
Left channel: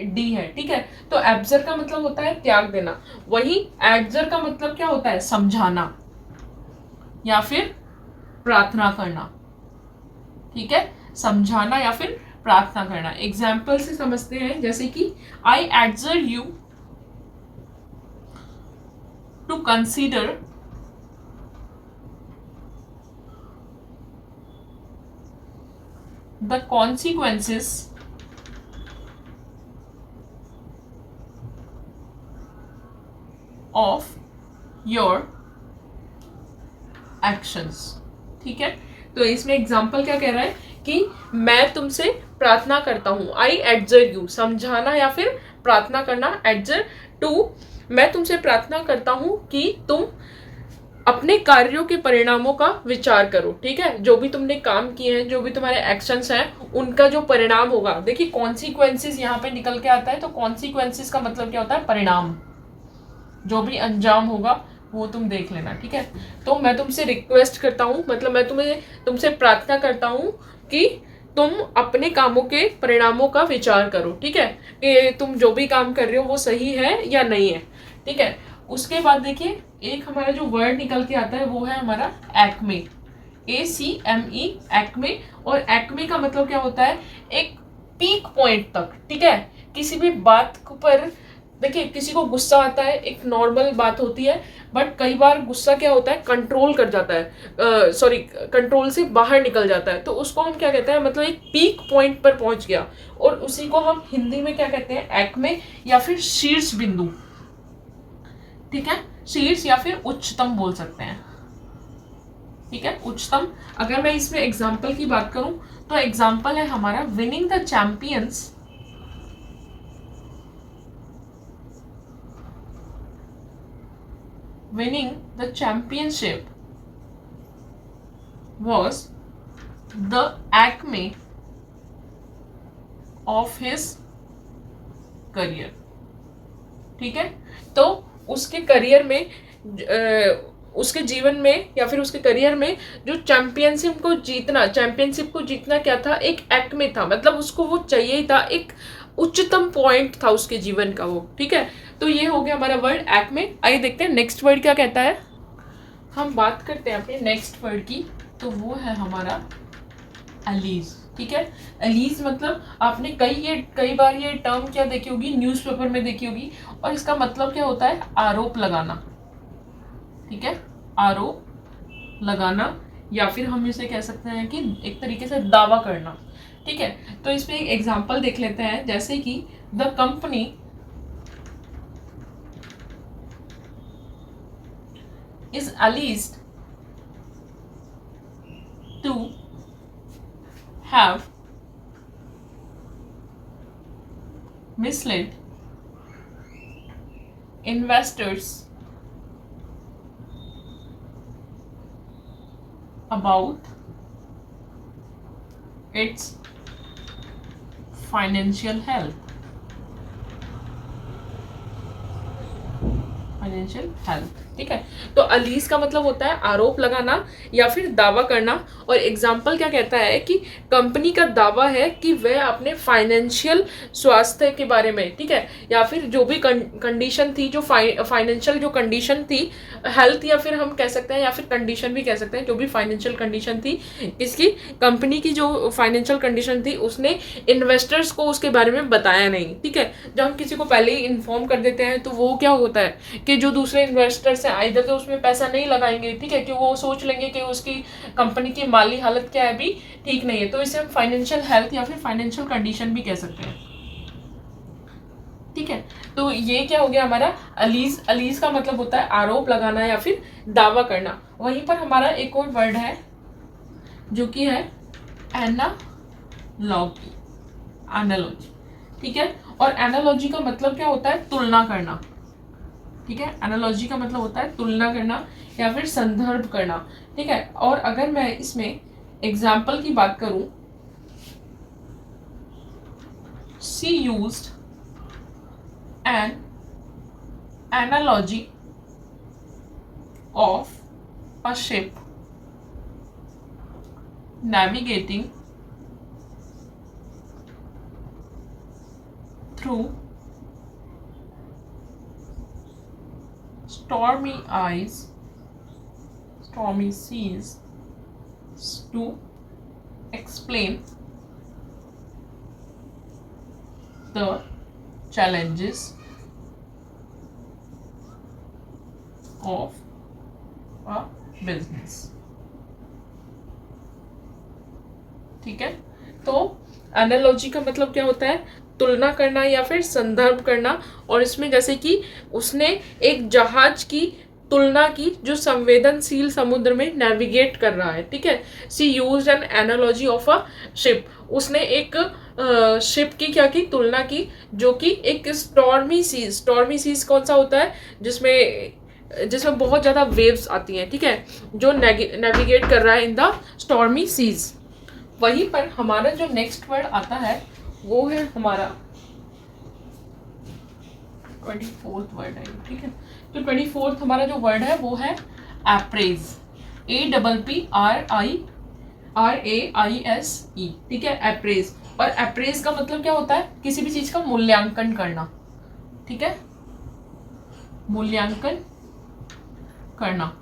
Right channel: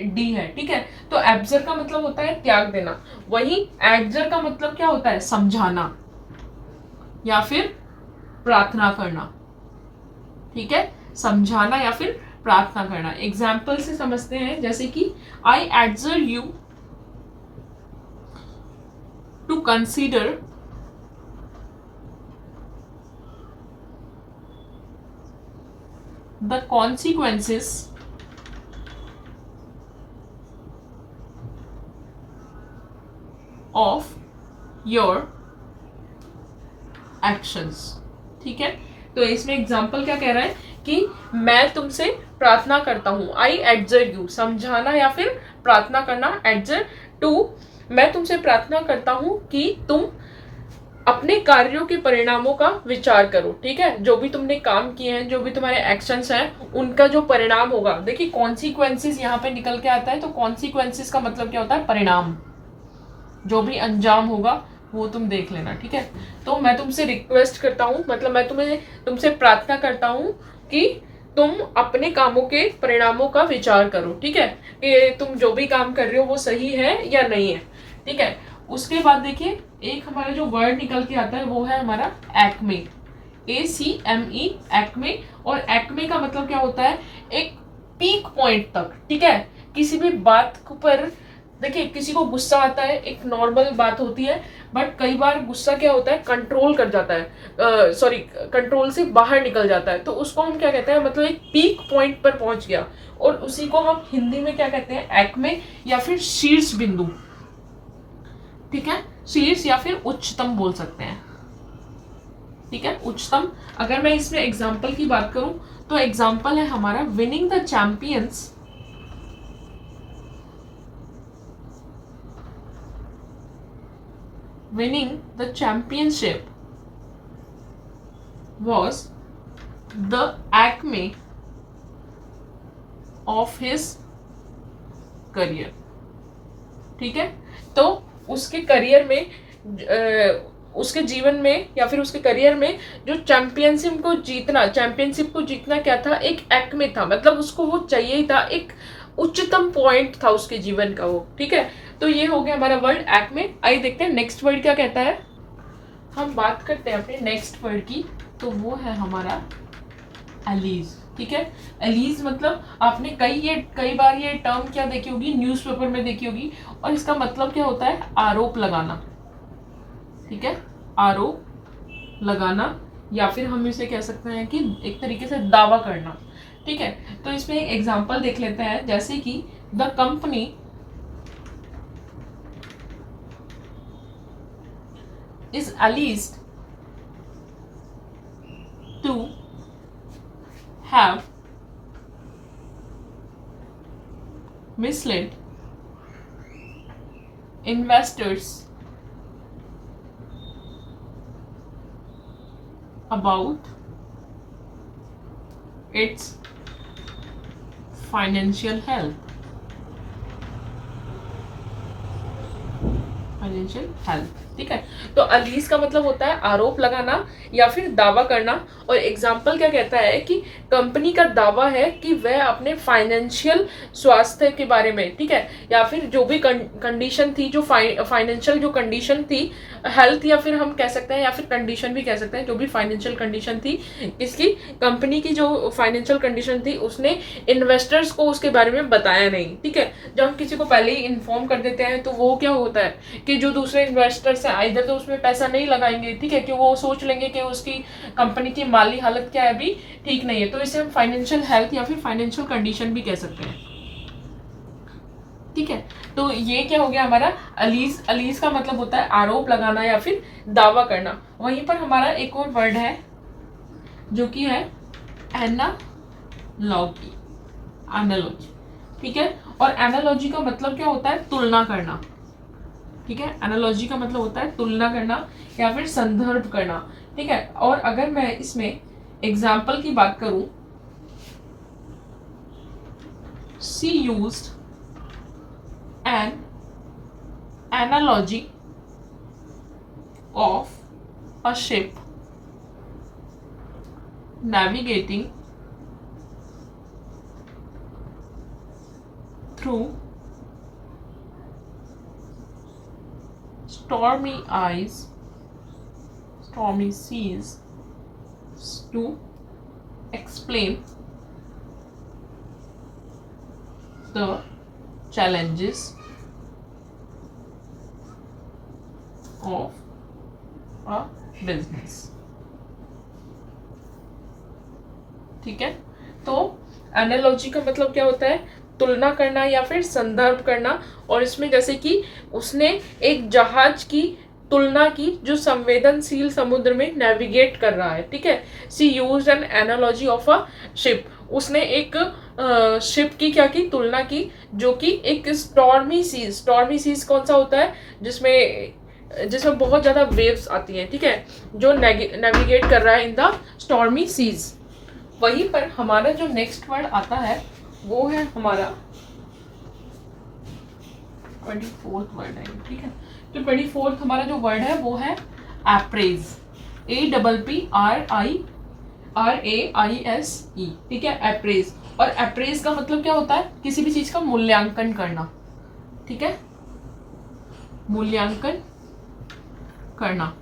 डी है। ठीक है, तो एब्जर का मतलब होता है त्याग देना। वही एडजर का मतलब क्या होता है? समझाना या फिर प्रार्थना करना। ठीक है, समझाना या फिर प्रार्थना करना। एग्जाम्पल से समझते हैं, जैसे कि I adjure you to consider the consequences of your actions. ठीक है, तो इसमें एग्जाम्पल क्या कह रहा है कि मैं तुमसे प्रार्थना करता हूँ। आई एडजर यू, समझाना या फिर प्रार्थना करना। एडजर टू, मैं तुमसे प्रार्थना करता हूँ कि तुम अपने कार्यों के परिणामों का विचार करो। ठीक है, जो भी तुमने काम किए हैं, जो भी तुम्हारे एक्शंस हैं, उनका जो परिणाम होगा। देखिए कॉन्सिक्वेंसेस यहाँ पे निकल के आता है, तो कॉन्सिक्वेंसेस का मतलब क्या होता है? परिणाम, जो भी अंजाम होगा वो तुम देख लेना। ठीक है, तो मैं तुमसे रिक्वेस्ट करता हूँ, मतलब मैं तुमसे प्रार्थना करता हूँ कि तुम अपने कामों के परिणामों का विचार करो। ठीक है, कि तुम जो भी काम कर रहे हो वो सही है या नहीं है। ठीक है, उसके बाद देखिए एक हमारा जो वर्ड निकल के आता है वो है हमारा एक्मे, ACME, एक्मे। और एक्मे का मतलब क्या होता है? एक पीक पॉइंट तक। ठीक है, किसी भी बात पर देखिए किसी को गुस्सा आता है, एक नॉर्मल बात होती है, बट कई बार गुस्सा क्या होता है? कंट्रोल कर जाता है, सॉरी कंट्रोल से बाहर निकल जाता है, तो उसको हम क्या कहते हैं? मतलब एक पीक पॉइंट पर पहुंच गया, और उसी को हम हिंदी में क्या कहते हैं? एक्मे या फिर शीर्ष बिंदु। ठीक है, शीर्ष या फिर उच्चतम बोल सकते हैं। ठीक है, उच्चतम। अगर मैं इसमें एग्जाम्पल की बात करूं तो एग्जाम्पल है हमारा winning the champions winning the championship was the acme of his career। ठीक है, तो उसके करियर में उसके जीवन में या फिर उसके करियर में जो चैंपियनशिप को जीतना क्या था, एक एक्मे था, मतलब उसको वो चाहिए ही था, एक उच्चतम पॉइंट था उसके जीवन का वो। ठीक है, तो ये हो गया हमारा वर्ड एक्मे। आइए देखते हैं नेक्स्ट वर्ड क्या कहता है। हम बात करते हैं अपने नेक्स्ट वर्ड की, तो वो है हमारा अलीज। ठीक है, अलीज मतलब आपने कई बार ये टर्म क्या देखी होगी, न्यूज़पेपर में देखी होगी, और इसका मतलब क्या होता है, आरोप लगाना। ठीक है, आरोप लगाना, या फिर हम इसे कह सकते हैं कि एक तरीके से दावा करना। ठीक है, तो इसमें एक एग्जांपल देख लेते हैं, जैसे कि the company is alleged to have misled investors about its financial health। ठीक है, तो अलीज का मतलब होता है आरोप लगाना या फिर दावा करना, और एग्जाम्पल क्या कहता है कि कंपनी का दावा है कि वह अपने फाइनेंशियल स्वास्थ्य के बारे में, ठीक है, या फिर जो भी कंडीशन थी, जो फाइनेंशियल जो कंडीशन थी, हेल्थ या फिर हम कह सकते हैं, या फिर कंडीशन भी कह सकते हैं, जो भी फाइनेंशियल कंडीशन थी इसकी, कंपनी की जो फाइनेंशियल कंडीशन थी, उसने इन्वेस्टर्स को उसके बारे में बताया नहीं। ठीक है, जब हम किसी को पहले ही इन्फॉर्म कर देते हैं तो वो क्या होता है कि जो दूसरे इन्वेस्टर्स हैं आइदर तो उसमें पैसा नहीं लगाएंगे, ठीक है, कि वो सोच लेंगे कि उसकी कंपनी की माली हालत क्या है, अभी ठीक नहीं है, तो इसे हम फाइनेंशियल हेल्थ या फिर फाइनेंशियल कंडीशन भी कह सकते हैं। ठीक है, तो ये क्या हो गया हमारा अलीज। अलीज का मतलब होता है आरोप लगाना या फिर दावा करना। वहीं पर हमारा एक और वर्ड है जो कि है एनालॉजी। एनालॉजी, ठीक है, और एनालॉजी का मतलब क्या होता है, तुलना करना। ठीक है, एनालॉजी का मतलब होता है तुलना करना या फिर संदर्भ करना। ठीक है, और अगर मैं इसमें एग्जाम्पल की बात करूं, she used an analogy of a ship navigating through stormy seas to explain the challenges of a business। ठीक है, तो एनालॉजी का मतलब क्या होता है, तुलना करना या फिर संदर्भ करना, और इसमें जैसे कि उसने एक जहाज की तुलना की जो संवेदनशील समुद्र में नेविगेट कर रहा है। ठीक है, she used an analogy of a ship, उसने एक शिप की क्या की, तुलना की, जो कि एक स्टॉर्मी सीज कौन सा होता है, जिसमें बहुत ज़्यादा वेव्स आती हैं। ठीक है, जो नेविगेट कर रहा है इन द स्टॉर्मी सीज। वहीं पर हमारा जो नेक्स्ट वर्ड आता है वो है हमारा 24th वर्ड है। ठीक है, तो 24th हमारा जो वर्ड है वो है एप्रेज। APPRAISE। ठीक है, एप्रेज। और एप्रेज का मतलब क्या होता है, किसी भी चीज का मूल्यांकन करना। ठीक है, मूल्यांकन करना।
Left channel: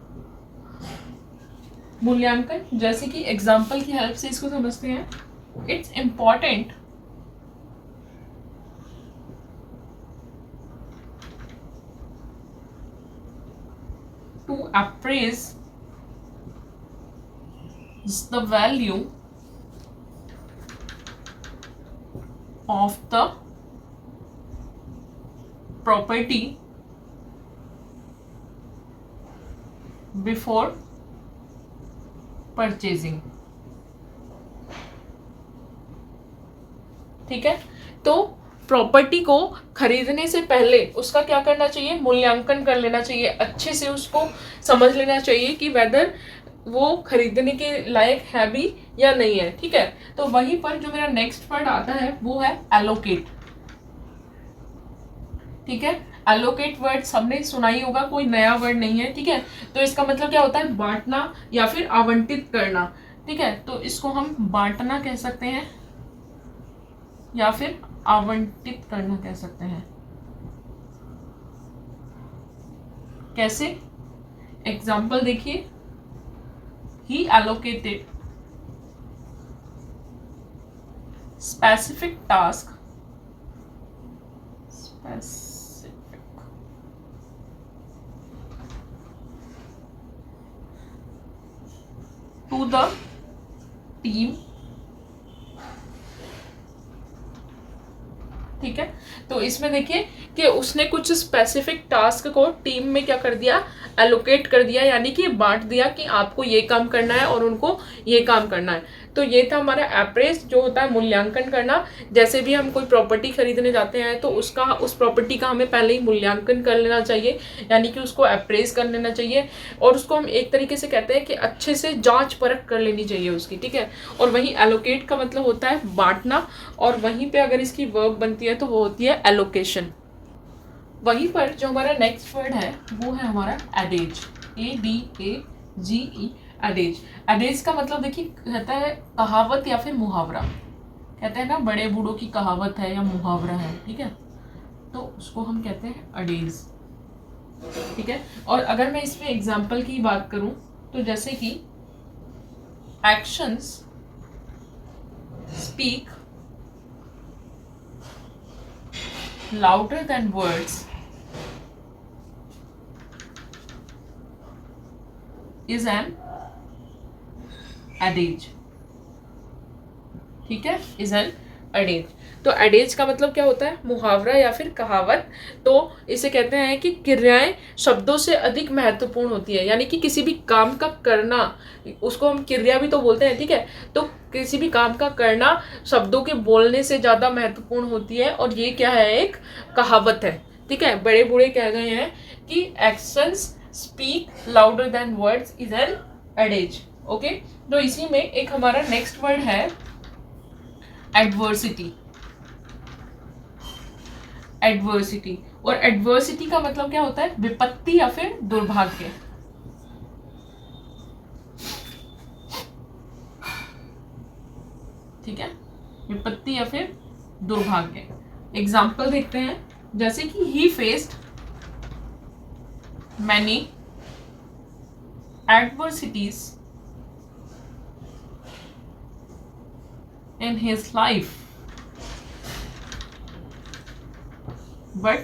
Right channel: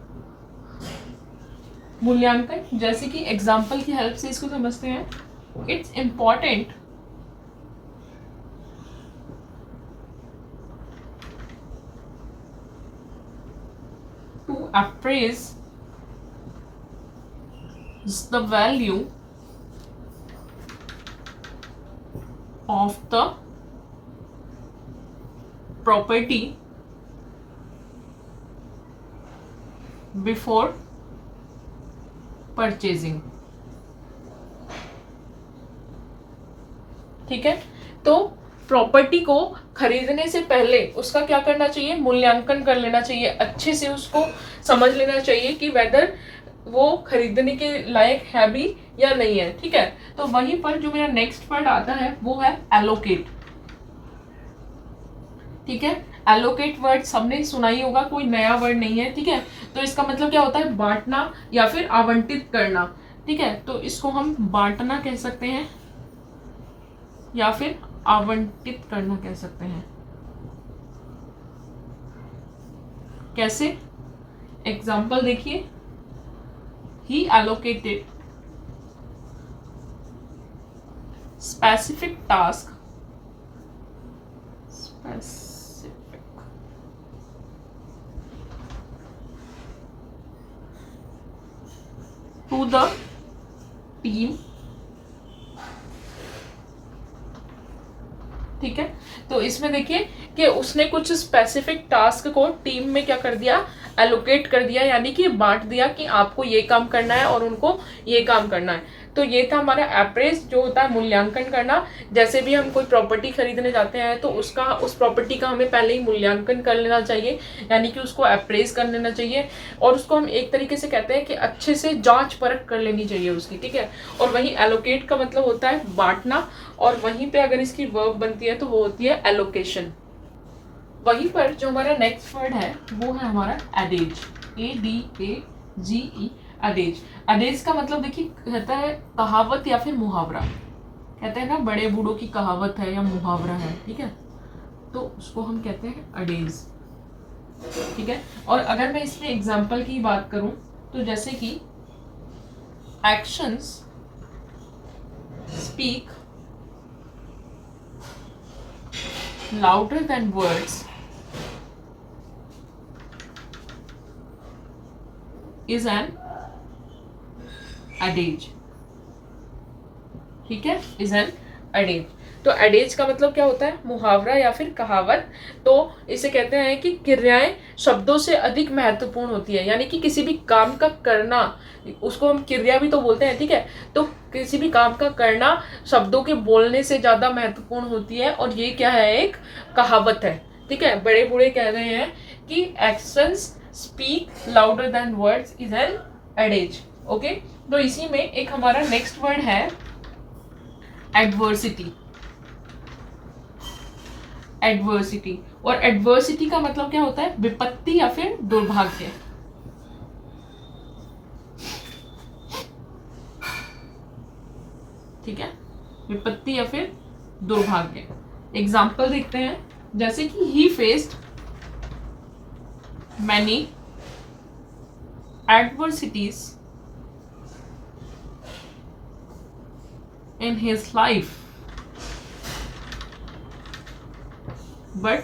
मूल्यांकन, जैसे कि एग्जाम्पल की हेल्प से इसको समझते हैं। It's important to appraise the value of the property before purchasing. ठीक है, तो प्रॉपर्टी को खरीदने से पहले उसका क्या करना चाहिए, मूल्यांकन कर लेना चाहिए, अच्छे से उसको समझ लेना चाहिए कि वेदर वो खरीदने के लायक है भी या नहीं है। ठीक है, तो वहीं पर जो मेरा नेक्स्ट वर्ड आता है वो है एलोकेट। ठीक है, एलोकेट वर्ड सबने सुना ही होगा, कोई नया वर्ड नहीं है। ठीक है, तो इसका मतलब क्या होता है, बांटना या फिर आवंटित करना। ठीक है, तो इसको हम बांटना कह सकते हैं या फिर आवंटित करना कह सकते हैं। कैसे, एग्जाम्पल देखिए, he allocated specific task to the team. ठीक है, तो इसमें देखिए कि उसने कुछ स्पेसिफिक टास्क को टीम में क्या कर दिया, एलोकेट कर दिया, यानी कि बांट दिया कि आपको ये काम करना है और उनको ये काम करना है। तो ये था हमारा अप्रेज, जो होता है मूल्यांकन करना। जैसे भी हम कोई प्रॉपर्टी खरीदने जाते हैं तो उसका, उस प्रॉपर्टी का हमें पहले ही मूल्यांकन कर लेना चाहिए, यानी कि उसको अप्रेज कर लेना चाहिए, और उसको हम एक तरीके से कहते हैं कि अच्छे से जांच परख कर लेनी चाहिए उसकी। ठीक है, और वहीं एलोकेट का मतलब होता है बांटना, और वहीं पे अगर इसकी वर्ब बनती है तो वो होती है एलोकेशन। वहीं पर जो हमारा नेक्स्ट वर्ड है वो है हमारा एडेज, ADAGE, एडेज। एडेज का मतलब देखिए कहता है कहावत या फिर मुहावरा। कहते हैं ना, बड़े बूढ़ों की कहावत है या मुहावरा है। ठीक है, तो उसको हम कहते हैं एडेज। ठीक है, और अगर मैं इसमें एग्जाम्पल की बात करूं तो जैसे कि actions speak louder than words is an adage। ठीक है, is an adage। तो एडेज का मतलब क्या होता है, मुहावरा या फिर कहावत। तो इसे कहते हैं कि क्रियाएं शब्दों से अधिक महत्वपूर्ण होती है, यानी कि किसी भी काम का करना, उसको हम क्रिया भी तो बोलते हैं। ठीक है, तो किसी भी काम का करना शब्दों के बोलने से ज्यादा महत्वपूर्ण होती है, और ये क्या है, एक कहावत है। ठीक है, बड़े बूढ़े कह गए हैं कि actions speak louder than words is an adage. Okay, तो इसी में एक हमारा नेक्स्ट वर्ड है एडवर्सिटी। एडवर्सिटी, और एडवर्सिटी का मतलब क्या होता है, विपत्ति या फिर दुर्भाग्य। ठीक है, विपत्ति या फिर दुर्भाग्य। एग्जाम्पल देखते हैं, जैसे कि ही faced many adversities in his life but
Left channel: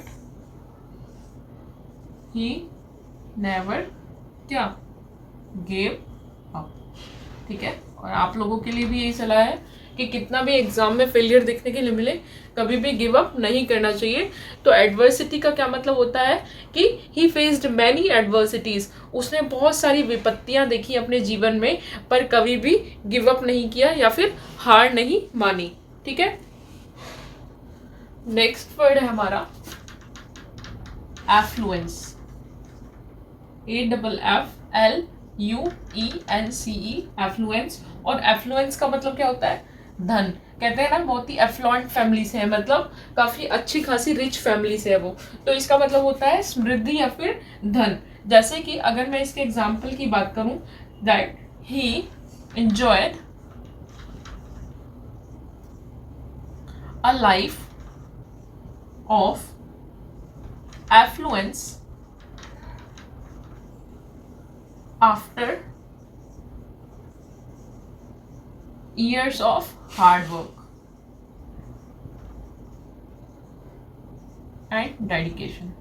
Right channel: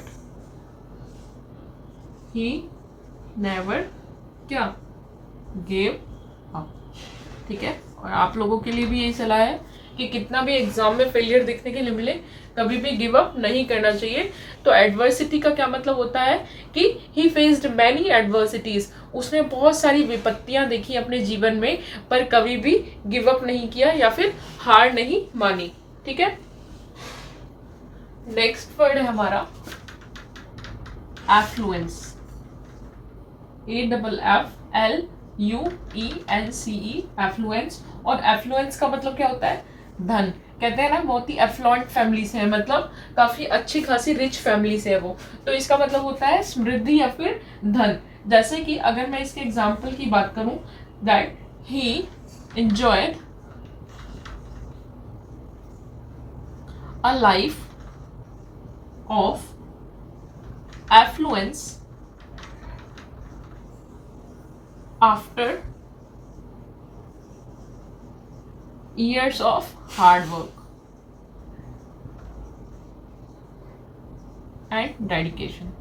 he never क्या गेव अप। ठीक है, और आप लोगों के लिए भी यही सलाह है कि कितना भी एग्जाम में फेलियर देखने के लिए मिले, कभी भी गिव अप नहीं करना चाहिए। तो एडवर्सिटी का क्या मतलब होता है कि ही फेस्ड मैनी एडवर्सिटीज, उसने बहुत सारी विपत्तियां देखी अपने जीवन में, पर कभी भी गिव अप नहीं किया या फिर हार नहीं मानी। ठीक है, नेक्स्ट वर्ड है हमारा एफ्लुएंस, AFFLUENCE, एफ्लुएंस। और एफ्लुएंस का मतलब क्या होता है, धन। कहते हैं ना, बहुत ही एफ्लुएंट फैमिली से है, मतलब काफी अच्छी खासी रिच फैमिली से है वो। तो इसका मतलब होता है समृद्धि या फिर धन। जैसे कि अगर मैं इसके एग्जाम्पल की बात करूं, that he enjoyed a life of affluence after years of hard work and dedication।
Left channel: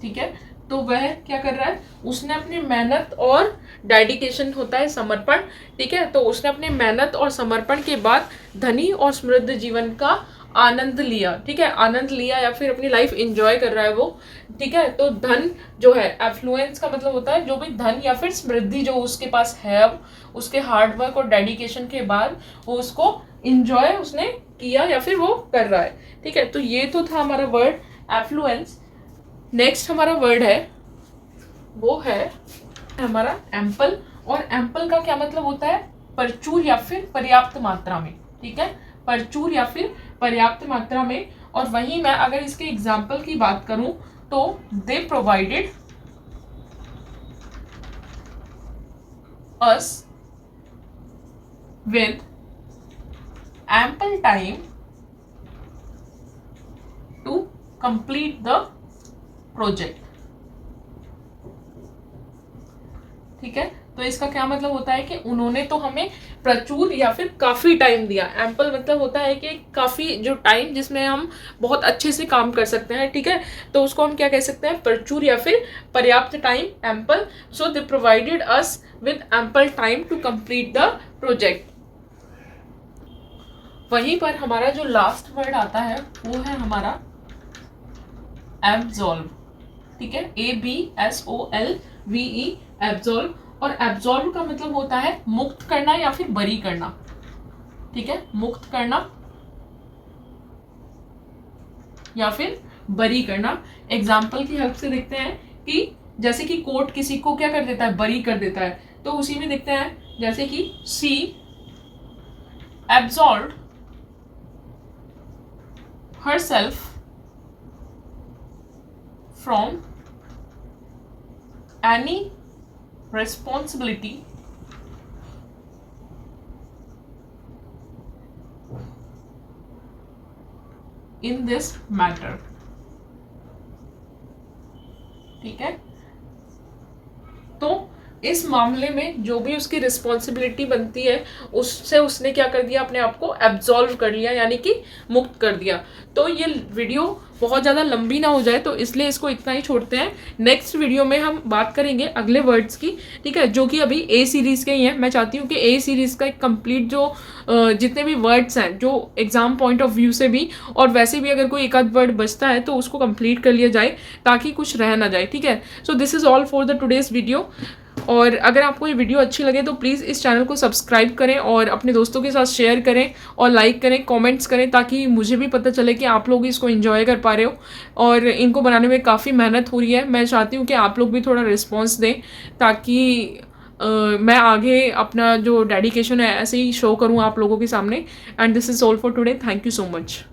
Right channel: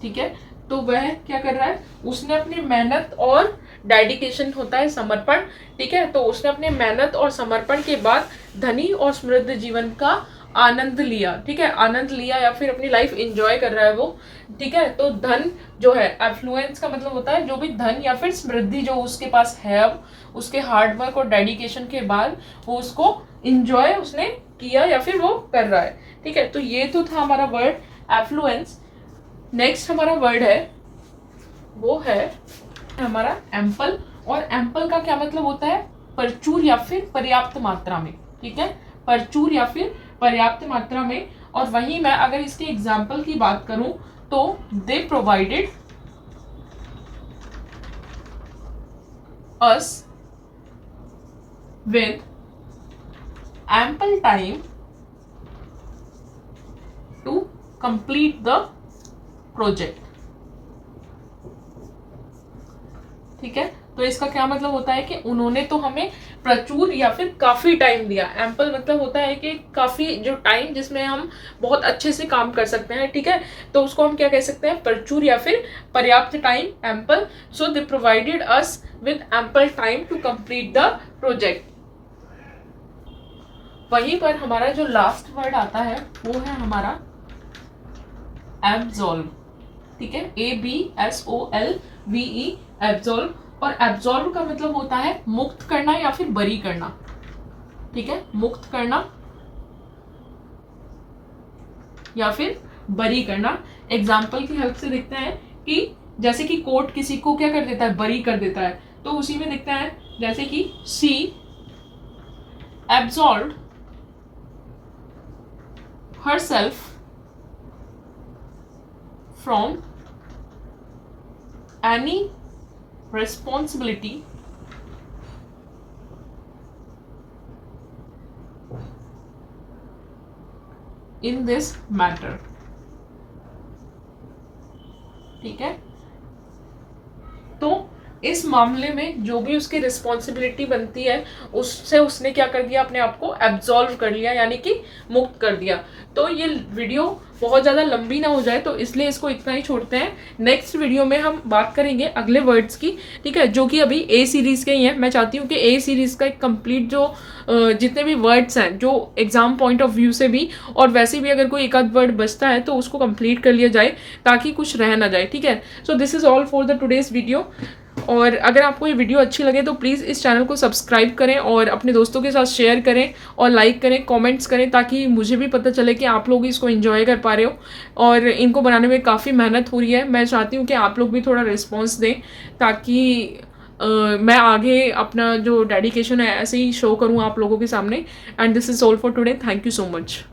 ठीक है, तो वह क्या कर रहा है, उसने अपनी मेहनत और डेडिकेशन होता है समर्पण। ठीक है, तो उसने अपने मेहनत और समर्पण के बाद धनी और समृद्ध जीवन का आनंद लिया, ठीक है, आनंद लिया या फिर अपनी लाइफ एंजॉय कर रहा है वो, ठीक है। तो धन जो है, एफ्लुएंस का मतलब होता है जो भी धन या फिर समृद्धि जो उसके पास है अब, उसके हार्डवर्क और डेडिकेशन के बाद वो उसको इंजॉय उसने किया या फिर वो कर रहा है, ठीक है। तो ये तो था हमारा वर्ड एफ्लुएंस। नेक्स्ट हमारा वर्ड है वो है हमारा एम्पल। और एम्पल का क्या मतलब होता है? प्रचुर या फिर पर्याप्त मात्रा में, ठीक है, प्रचुर या फिर पर्याप्त मात्रा में। और वहीं मैं अगर इसके एग्जाम्पल की बात करूं तो दे provided us with ample time to complete the project, ठीक है। तो इसका क्या मतलब होता है कि उन्होंने तो हमें प्रचुर या फिर काफी टाइम दिया। एम्पल मतलब होता है कि काफी जो टाइम जिसमें हम बहुत अच्छे से काम कर सकते हैं, ठीक है। तो उसको हम क्या कह सकते हैं? प्रचुर या फिर पर्याप्त time, ample. So they provided us with ample time to complete the project. वहीं पर हमारा जो लास्ट वर्ड आता है वो है हमारा एब्जॉल्व, ठीक है, ABSOLVE, एब्जॉल्व। और एब्जॉल्व का मतलब होता है मुक्त करना या फिर बरी करना, ठीक है, मुक्त करना या फिर बरी करना। एग्जाम्पल की हेल्प से देखते हैं कि जैसे कि कोर्ट किसी को क्या कर देता है? बरी कर देता है। तो उसी में देखते हैं जैसे कि सी absolve herself from any responsibility in this matter, ठीक है। तो इस मामले में जो भी उसकी रिस्पॉन्सिबिलिटी बनती है उससे उसने क्या कर दिया? अपने आप को एब्जॉल्व कर लिया, यानी कि मुक्त कर दिया। तो ये वीडियो बहुत ज़्यादा लंबी ना हो जाए तो इसलिए इसको इतना ही छोड़ते हैं। नेक्स्ट वीडियो में हम बात करेंगे अगले वर्ड्स की, ठीक है, जो कि अभी ए सीरीज़ के ही हैं। मैं चाहती हूँ कि ए सीरीज़ का एक कंप्लीट जो जितने भी वर्ड्स हैं जो एग्जाम पॉइंट ऑफ व्यू से भी और वैसे भी अगर कोई एक आध वर्ड बचता है तो उसको कंप्लीट कर लिया जाए ताकि कुछ रह ना जाए, ठीक है। So this is all for the today's video. और अगर आपको ये वीडियो अच्छी लगे तो प्लीज़ इस चैनल को सब्सक्राइब करें और अपने दोस्तों के साथ शेयर करें और लाइक करें, कमेंट्स करें, ताकि मुझे भी पता चले कि आप लोग इसको एंजॉय कर पा रहे हो। और इनको बनाने में काफ़ी मेहनत हो रही है। मैं चाहती हूँ कि आप लोग भी थोड़ा रिस्पॉन्स दें ताकि मैं आगे अपना जो डेडिकेशन है ऐसे ही शो करूँ आप लोगों के सामने। And this is all for today. Thank you so much.